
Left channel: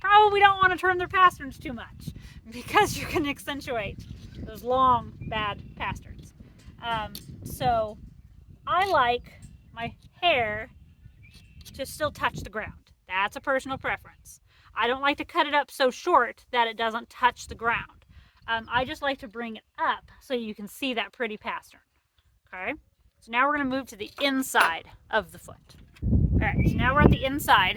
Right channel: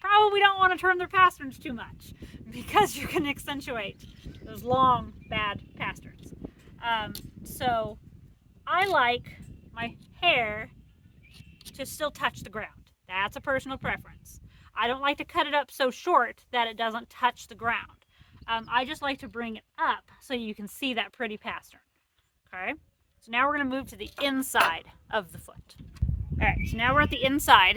probably don't want to trim their pasterns too much, because you can accentuate those long bad pasterns. So I like my hair to still touch the ground. That's a personal preference. I don't like to cut it up so short that it doesn't touch the ground. I just like to bring it up so you can see that pretty pastern. Okay, so now we're going to move to the inside of the foot. All right, so now we're at the inside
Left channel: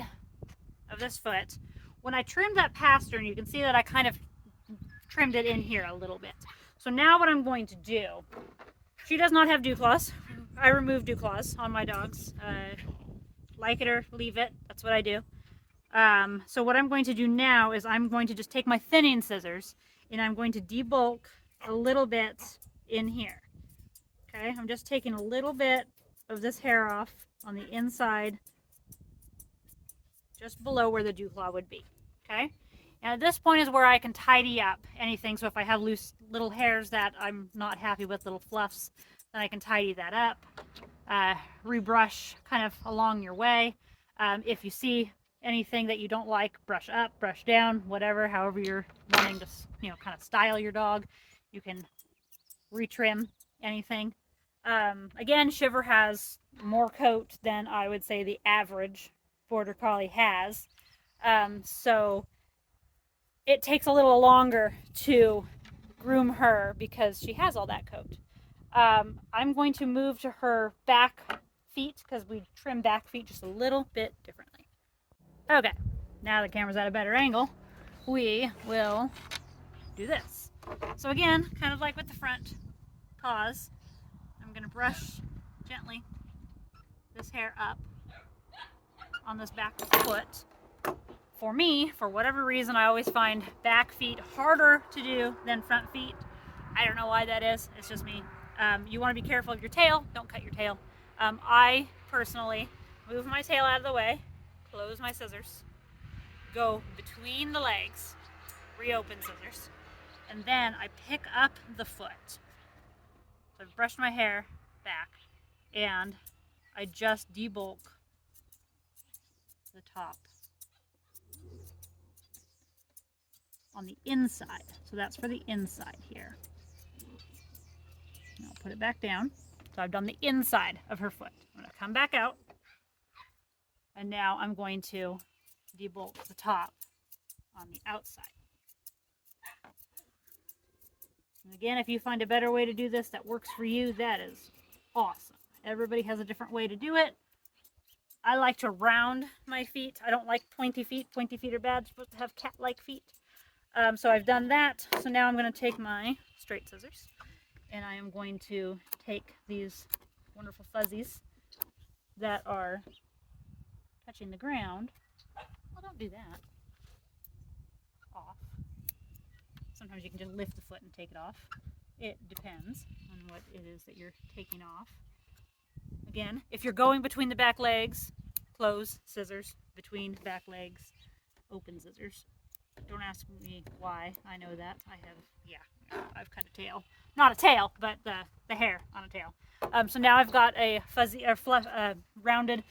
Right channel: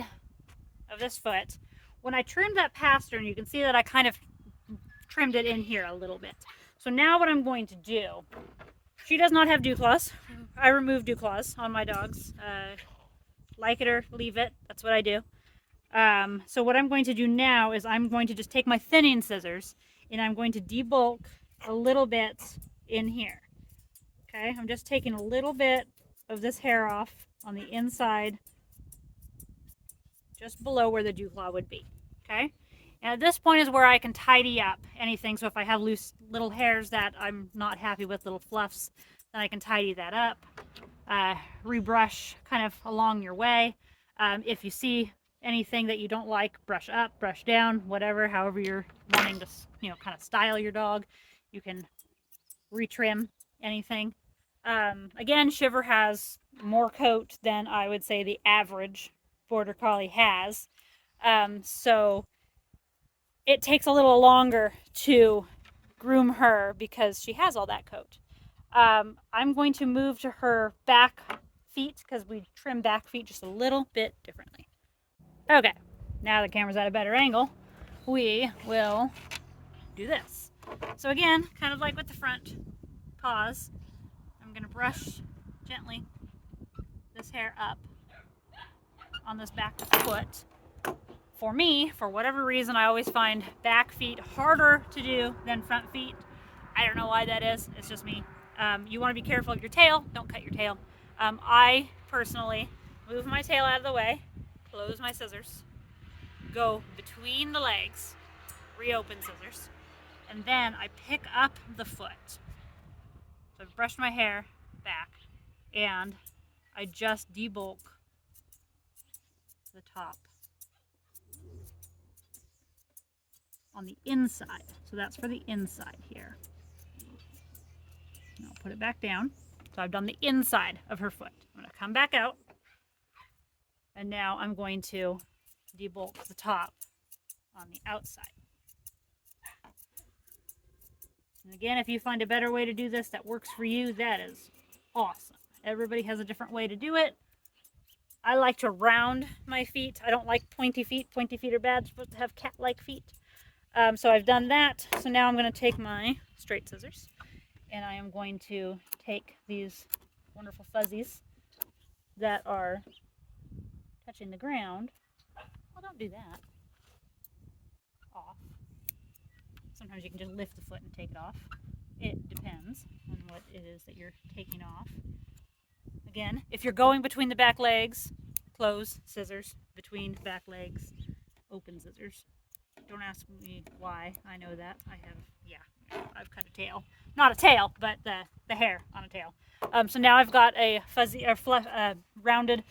of this foot. When I trimmed that pastern, you can see that I kind of trimmed it in here a little bit. So now what I'm going to do, she does not have dew claws. I remove dew claws on my dogs. Like it or leave it, that's what I do. So what I'm going to do now is I'm going to just take my thinning scissors and I'm going to debulk a little bit in here. Okay, I'm just taking a little bit of this hair off on the inside, just below where the dew claw would be. Okay, and at this point is where I can tidy up anything. So if I have loose little hairs that I'm not happy with, little fluffs, then I can tidy that up. Rebrush kind of along your way. If you see anything that you don't like, brush up, brush down, whatever, however you're wanting to, kind of style your dog. You can retrim anything. Again, Shiver has more coat than I would say the average Border Collie has. So it takes a little longer to groom her because she has all that coat. I'm going to move to her back feet because we trim back feet just a little bit differently. Okay, now the camera's at a better angle, we will do this. So again, kind of like with the front paws, I'm going to brush gently this hair up on this back foot. For me, for whatever reason, I always find back feet harder to do than front feet. I don't know why that is. It's just me. You want to be careful of your tail. Don't cut your tail. I personally move my tail out of the way, close my scissors, go between the legs, reopen scissors, and then I pick up the foot. So I've brushed my hair back and I just debulk the top on the inside. So that's for the inside here. And I'll put it back down. So I've done the inside of her foot. I'm going to come back out, and now I'm going to debulk the top on the outside. And again, if you find a better way to do this that works for you, that is awesome. Everybody has a different way to do it. I like to round my feet. I don't like pointy feet. Pointy feet are bad. You're supposed to have cat-like feet. So I've done that. So now I'm going to take my straight scissors and I am going to take these wonderful fuzzies that are touching the ground. Well, don't do that. Off. Sometimes you can just lift the foot and take it off. It depends on what it is that you're taking off. Again, if you're going between the back legs, close scissors, between back legs, open scissors. Don't ask me why. I know that. I've cut a tail. Not a tail, but the hair on a tail. So now I've got a fuzzy or rounded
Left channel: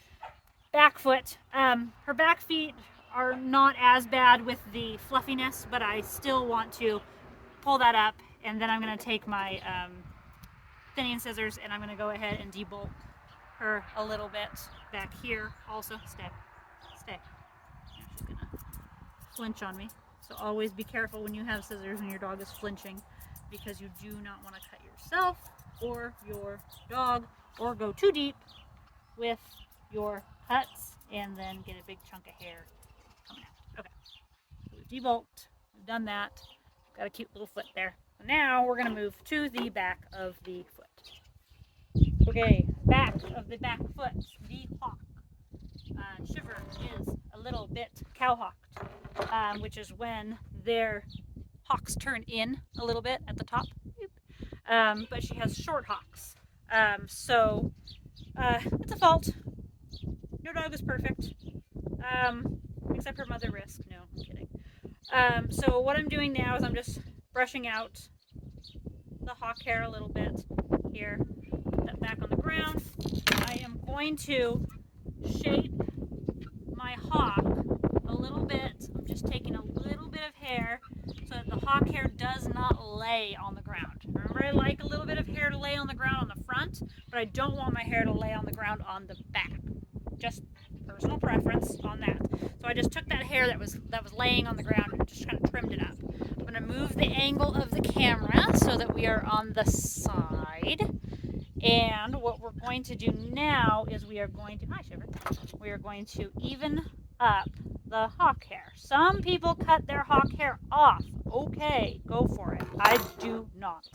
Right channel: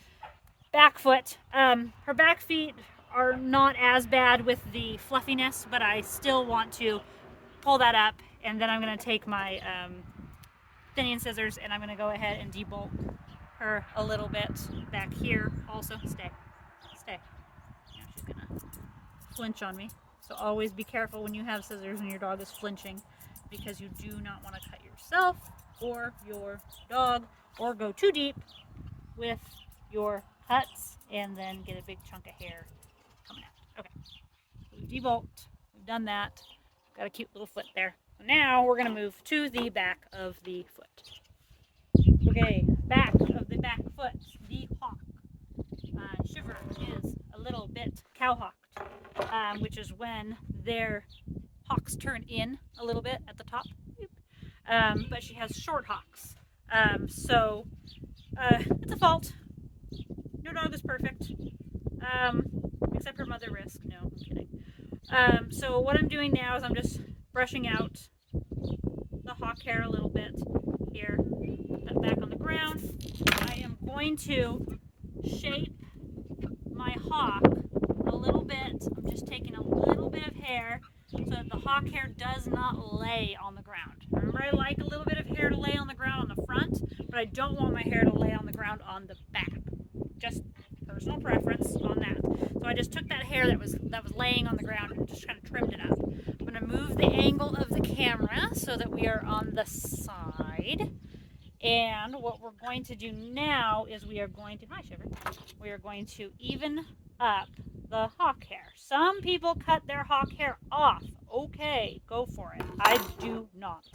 back foot. Her back feet are not as bad with the fluffiness, but I still want to pull that up, and then I'm going to take my thinning scissors and I'm going to go ahead and debulk her a little bit back here. Also, stay. Now she's going to flinch on me. So always be careful when you have scissors and your dog is flinching, because you do not want to cut yourself or your dog or go too deep with your cuts and then get a big chunk of hair coming out. Okay, so we've debulked we've done that. Got a cute little foot there. So now we're going to move to the back of the foot. Okay, back of the back foot, the hock. Shiver is a little bit cowhocked, which is when their hocks turn in a little bit at the top. But she has short hocks. So it's a fault. No dog is perfect. Except her mother Risk. No, I'm kidding. So what I'm doing now is I'm just brushing out the hock hair a little bit here. Put that back on the ground. I am going to shape my hock a little bit. I'm just taking a little bit of hair so that the hock hair does not lay on the ground. Remember, I like a little bit of hair to lay on the ground on the front, but I don't want my hair to lay on the ground on the back. Just personal preference on that. So I just took that hair that was laying on the ground and just kind of trimmed it up. I'm going to move the angle of the camera so that we are on the side. And what we're going to do now is we are going to, hi Shiver, we are going to even up the hock hair. Some people cut their hock hair off. Okay, go for it. I do not.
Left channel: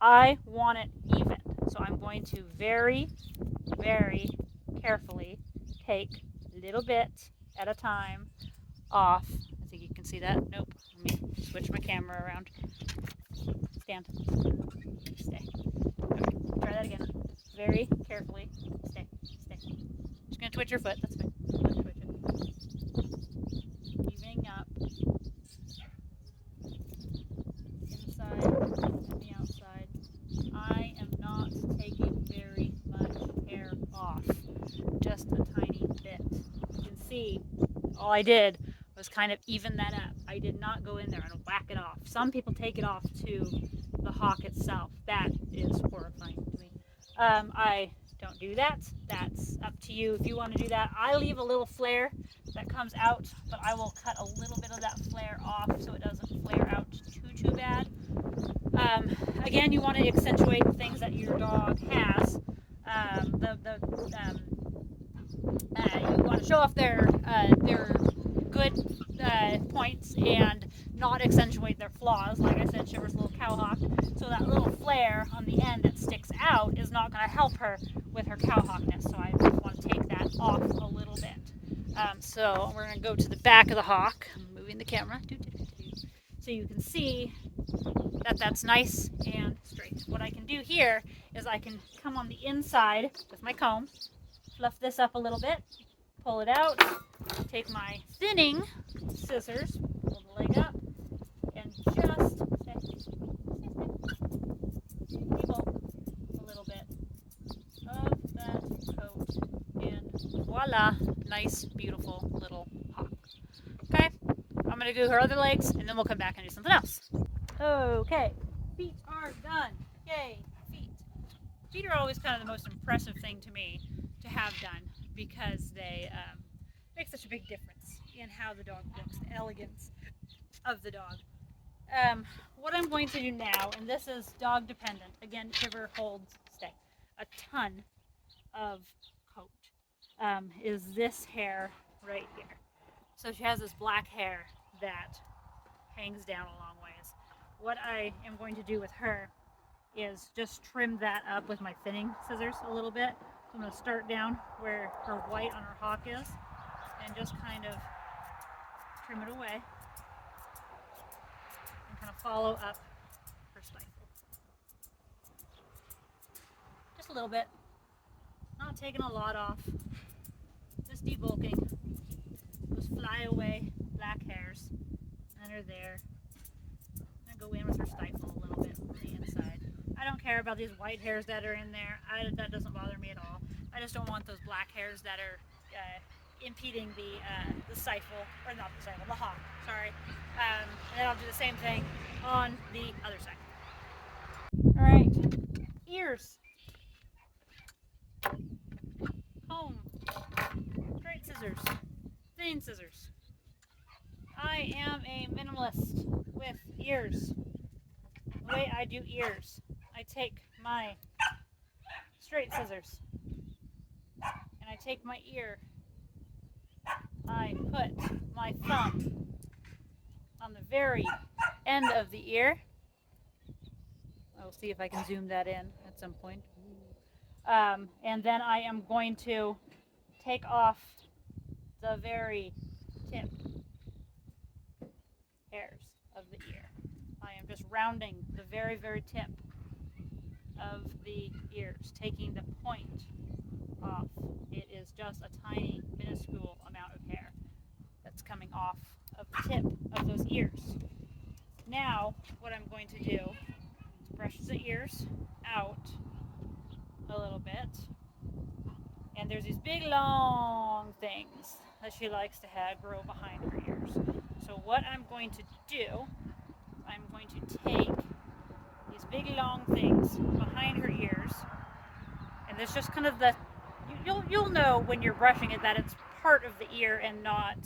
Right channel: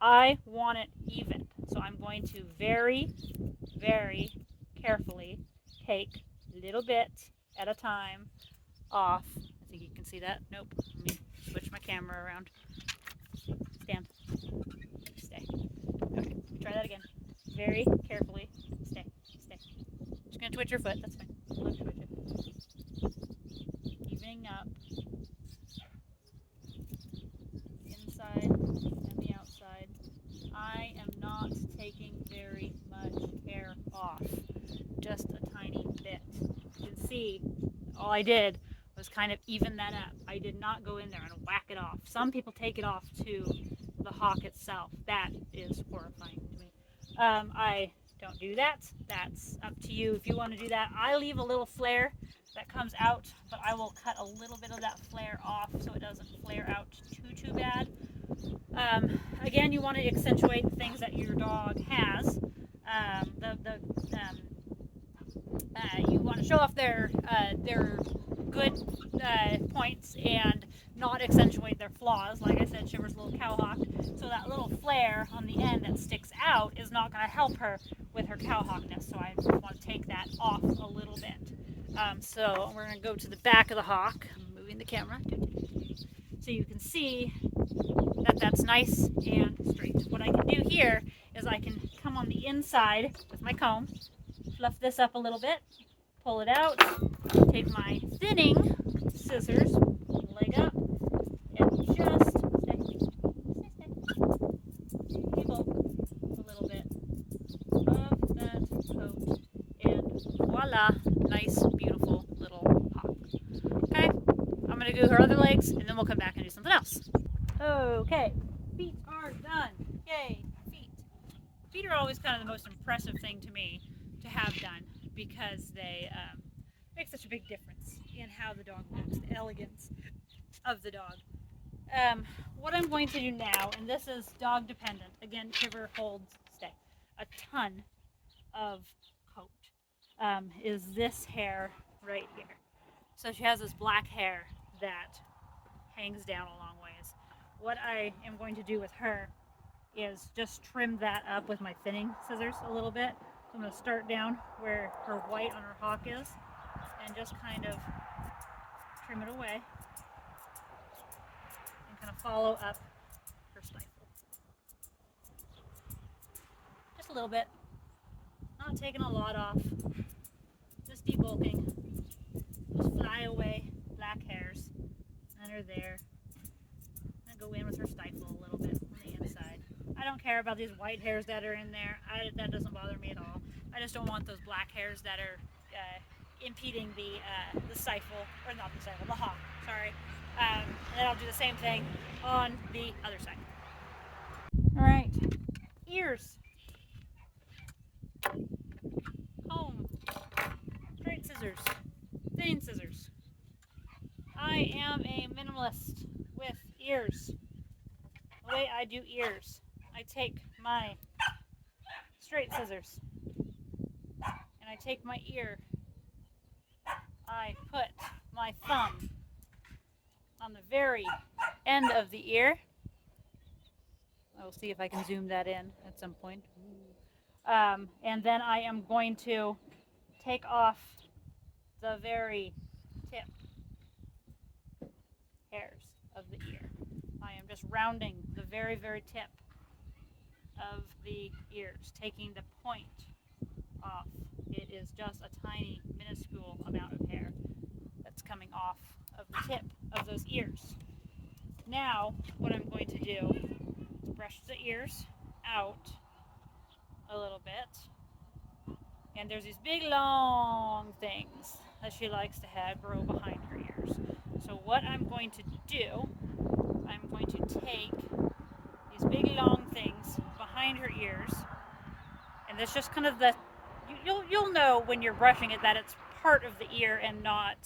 I want it even. So I'm going to very, very carefully take a little bit at a time off. I think you can see that. Nope. Let me switch my camera around. Stand. Stay. Okay. Try that again. Very carefully. Stay. Stay. Just gonna twitch your foot. That's fine. Let's twitch it. Evening up. Inside and the outside. I am not taking very much hair off. Just a tiny bit. You can see all I did was kind of even that up. I did not go in there and whack it off. Some people take it off to the hock itself. That is horrifying to me. I don't do that. That's up to you if you want to do that. I leave a little flare that comes out, but I will cut a little bit of that flare off so it doesn't flare out too bad. Again, you want to accentuate the things that your dog has. You want to show off their good points and not accentuate their flaws. Like I said, Shiver's a little cowhawk, so that little flare on the end that sticks out is not going to help her with her cowhawkness. So I want to take that off a little bit. So we're going to go to the back of the hawk. I'm moving the camera so you can see that that's nice and straight. What I can do here is I can come on the inside with my comb, fluff this up a little bit, pull it out, take my thinning scissors, leg up, and just pull a little bit of that coat, and voila, nice, beautiful little hawk. Okay, I'm going to do her other legs, and then we'll come back and do something else. Okay, feet are done. Yay, feet. Feet are always kind of the most impressive thing to me to have done because they make such a big difference in how the dog looks, the elegance of the dog. What I'm going to do now, and this is dog dependent, again, Shiver holds, a ton of coat, is this hair right here. So she has this black hair that hangs down a long ways. What I am going to do with her is just trim that up with my thinning scissors a little bit. So I'm going to start down where her white on her hawk is and just kind of trim it away and kind of follow up her stifle. Just a little bit. Not taking a lot off. Just debulking. Just fly away black hairs. And they're there. I'm going to go in with her stifle a little bit on the inside. I don't care about these white hairs that are in there. That doesn't bother me at all. I just don't want those black hairs that are impeding the stifle, or not the stifle, the hawk, sorry. And then I'll do the same thing on the other side. Alright, ears. Comb. Straight scissors. Thinning scissors. I am a minimalist with ears. The way I do ears, I take my straight scissors and I take my ear. I put my thumb on the very end of the ear. I'll see if I can zoom that in at some point. And then I am going to take off the very tip hairs of the ear. I am just rounding the very, very tip of the ears, taking the point off. It is just a tiny, minuscule amount of hair that's coming off of the tip of those ears. Now, what I'm going to do is brush the ears out a little bit. And there's these big long things that she likes to have grow behind her ears. So what I'm going to do, I'm going to take these big long things behind her ears, and it's just kind of the, you'll know when you're brushing it that it's part of the ear and not,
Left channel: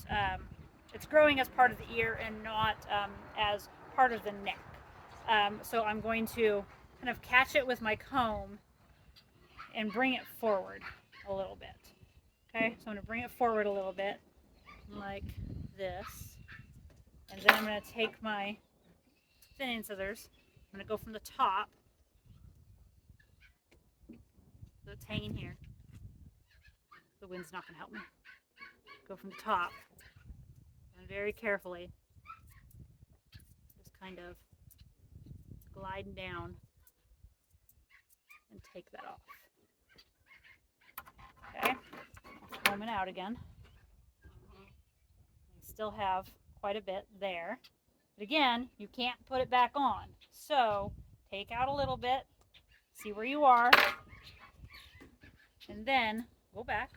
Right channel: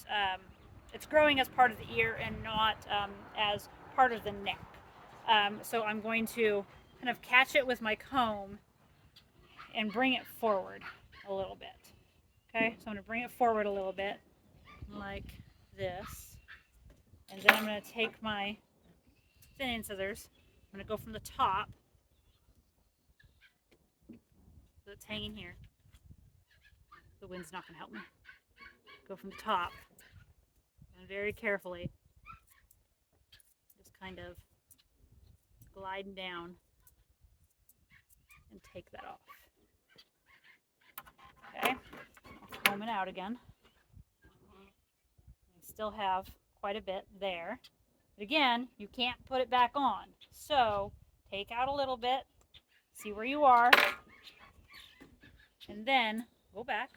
it's growing as part of the ear and not as part of the neck. So I'm going to kind of catch it with my comb and bring it forward a little bit. Okay, so I'm going to bring it forward a little bit like this, and then I'm going to take my thinning scissors. I'm going to go from the top, so it's hanging here. The wind's not going to help me. Go from the top, and very carefully, just kind of gliding down and take that off. Okay, I'll comb it out again. I still have quite a bit there. But again, you can't put it back on. So take out a little bit, see where you are, and then go back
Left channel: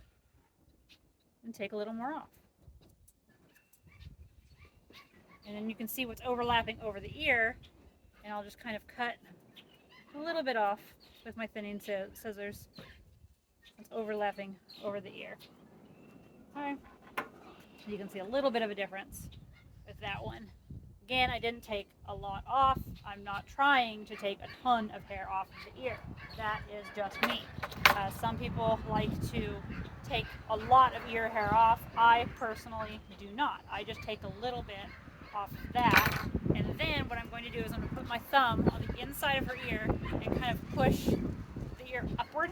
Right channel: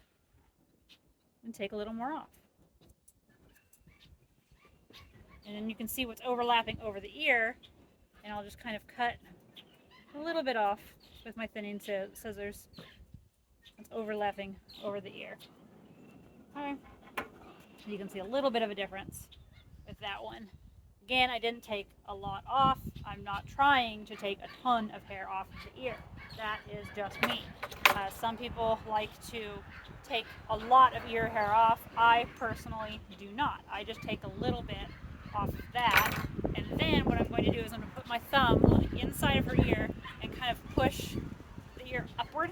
and take a little more off. And then you can see what's overlapping over the ear, and I'll just kind of cut a little bit off with my thinning scissors. It's overlapping over the ear. Okay. You can see a little bit of a difference with that one. Again, I didn't take a lot off. I'm not trying to take a ton of hair off of the ear. That is just me. Some people like to take a lot of ear hair off. I personally do not. I just take a little bit off of that. And then what I'm going to do is I'm going to put my thumb on the inside of her ear and kind of push the ear upward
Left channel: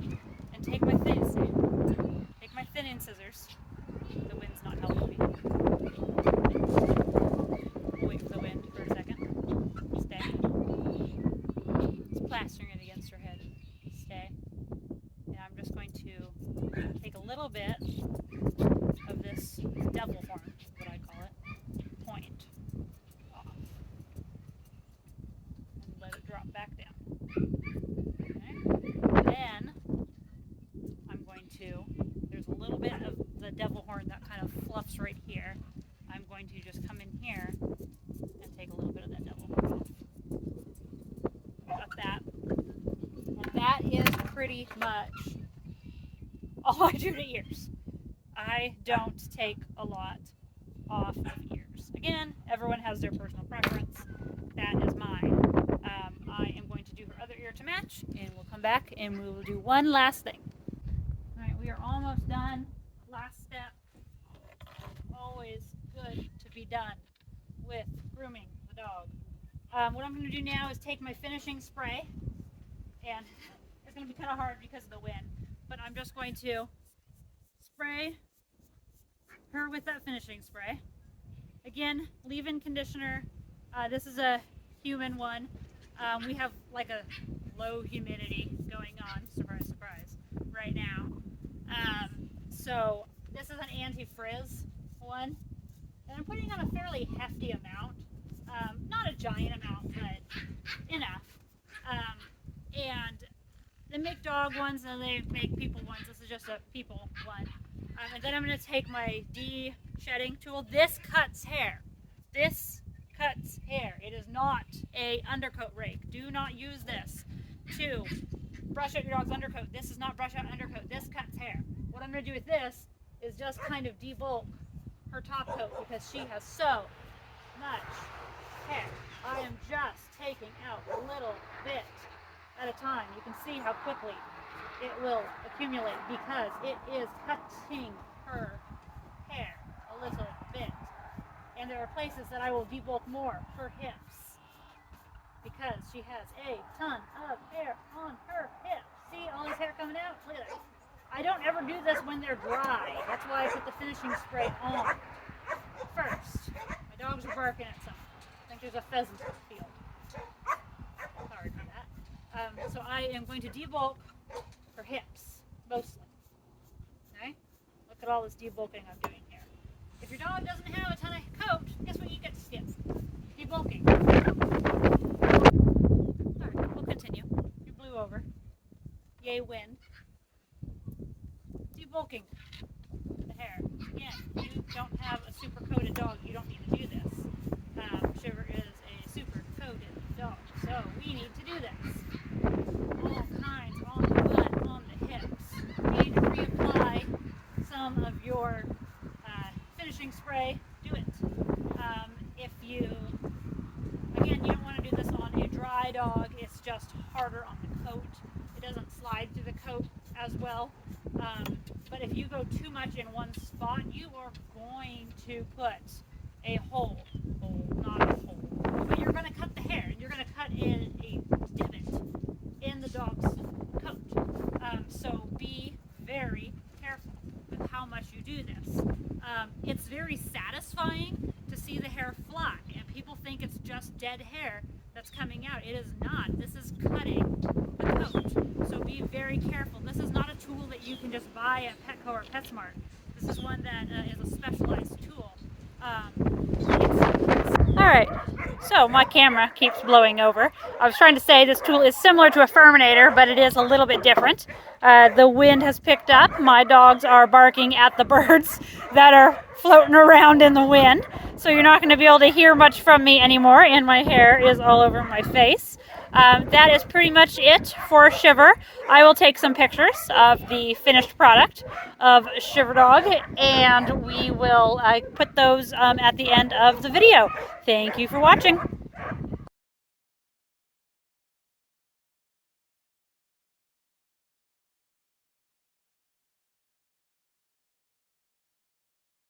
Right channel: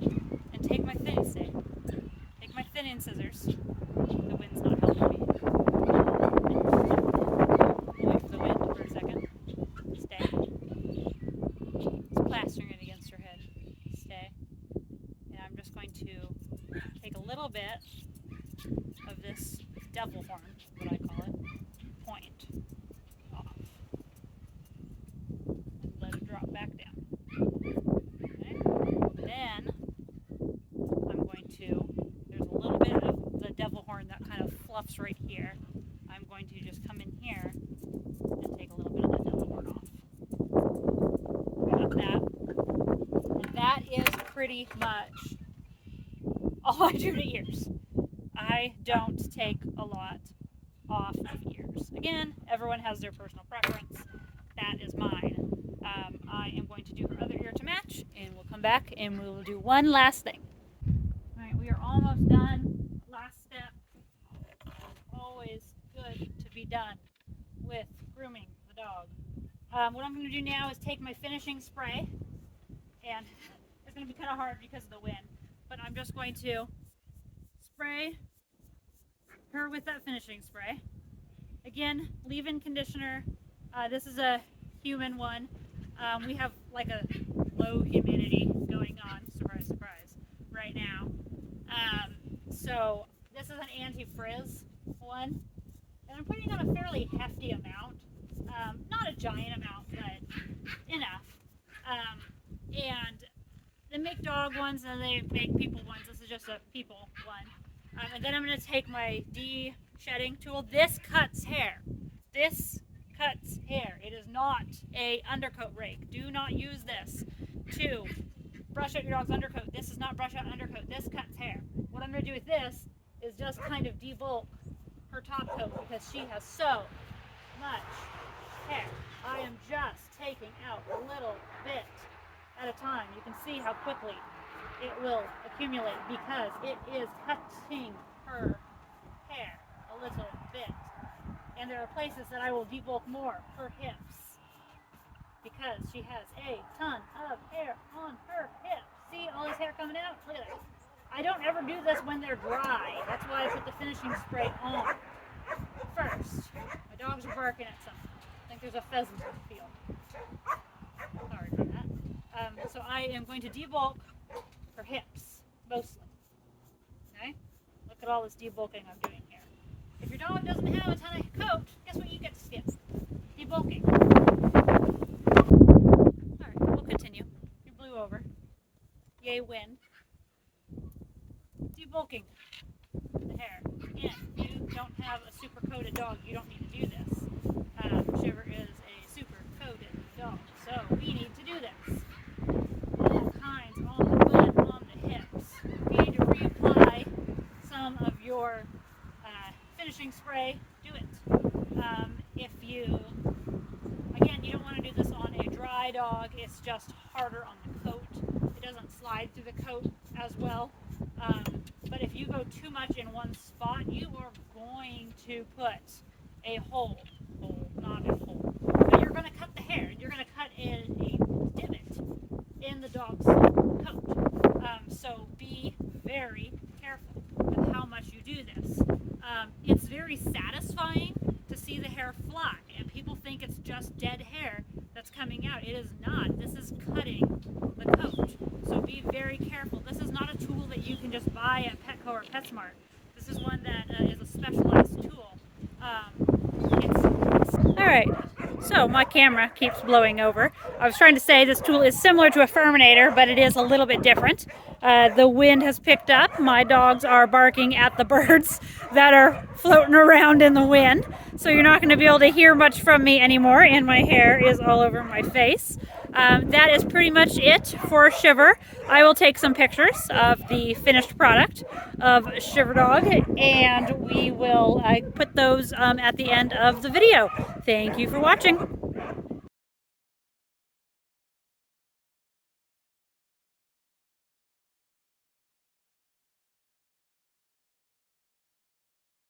and take my thinning scissors. The wind's not helping me. Wait for the wind for a second. Stay. It's plastering it against her head. Stay. And I'm just going to take a little bit of this devil horn, is what I call it, point off. And let it drop back down. Okay? Then I'm going to, there's a little bit of the devil horn that kind of fluffs right here. I'm going to just come in here and take a little bit of the devil horn off. Got that. And that is pretty much all I do to ears. I don't take a lot off of ears. Again, everyone has their personal preference. That is mine. I am going to do her other ear to match, and we'll come back and we will do one last thing. All right, we are almost done. Last step. Always good to be done with grooming the dog. What I'm going to do now is take my finishing spray, and it's going to be kind of hard because of the wind, but I'm just going to spray her with that finishing spray. Again, leave-in conditioner. This is a human one. We have like a low humidity going on, surprise, surprise, right now. So this is an anti-frizz one, and I'm putting on a fairly hefty amount. Not a giant amount, but enough. And they make dog ones and they make people ones. This is just a people one. And then I'm going to take my de-shedding tool. This cuts hair. This cuts hair. It is not a undercoat rake. Do not use this to brush out your dog's undercoat. This is not brush out undercoat. This cuts hair. What I'm going to do with this is just kind of debulk her top coat because she has so much hair. I am just taking out a little bit at a time. You can see how quickly it will accumulate because it is cutting her hair a little bit. And there are places that I will debulk more, her hips, because she has a ton of hair on her hips. See all this hair coming out? Look at that. I don't ever do this when they're dry. That's why I put the finishing spray on first. My dogs are barking at something. I think there's a pheasant in the field. Sorry for that. So I am going to debulk her hips, mostly. Okay? Look at all this debulking I'm doing here. If your dog doesn't have a ton of coat, guess what you get to skip? Debulking. Alright, we'll continue. You blew over. Yay, wind. Debulking the hair. Again, you don't have a super coated dog, you don't need to do this. Shiver is a super coated dog, so we need to do this. All kinds on the butt, on the hips. When you reapply some of your finishing spray, do it. If you, again, you don't want to do this on a dry dog, it's just harder on the coat. It doesn't slide through the coat as well. But if you go too much in one spot, you are going to put a hole, not a hole, but you're going to cut the hair. You're going to cut in a divot in the dog's coat. So be very careful with how much you do this. It's very satisfying to see the hair fly, and people think it's just dead hair that's coming out. It is not. This is cutting the coat. So be very careful. This is not a tool that you can just buy at Petco or PetSmart. This is one that is a specialized tool. Alright, so my camera keeps blowing over. I was trying to say this tool is similar to a Furminator, but it is a little bit different. The wind has picked up. My dogs are barking at the birds that are floating around in the wind. So you're not going to be able to hear much from me anymore, and my hair is all over my face. That is pretty much it for Shiver. I will take some pictures of the finished product of Shiver Dog, and we will put those at the end of the video. Thank you for watching.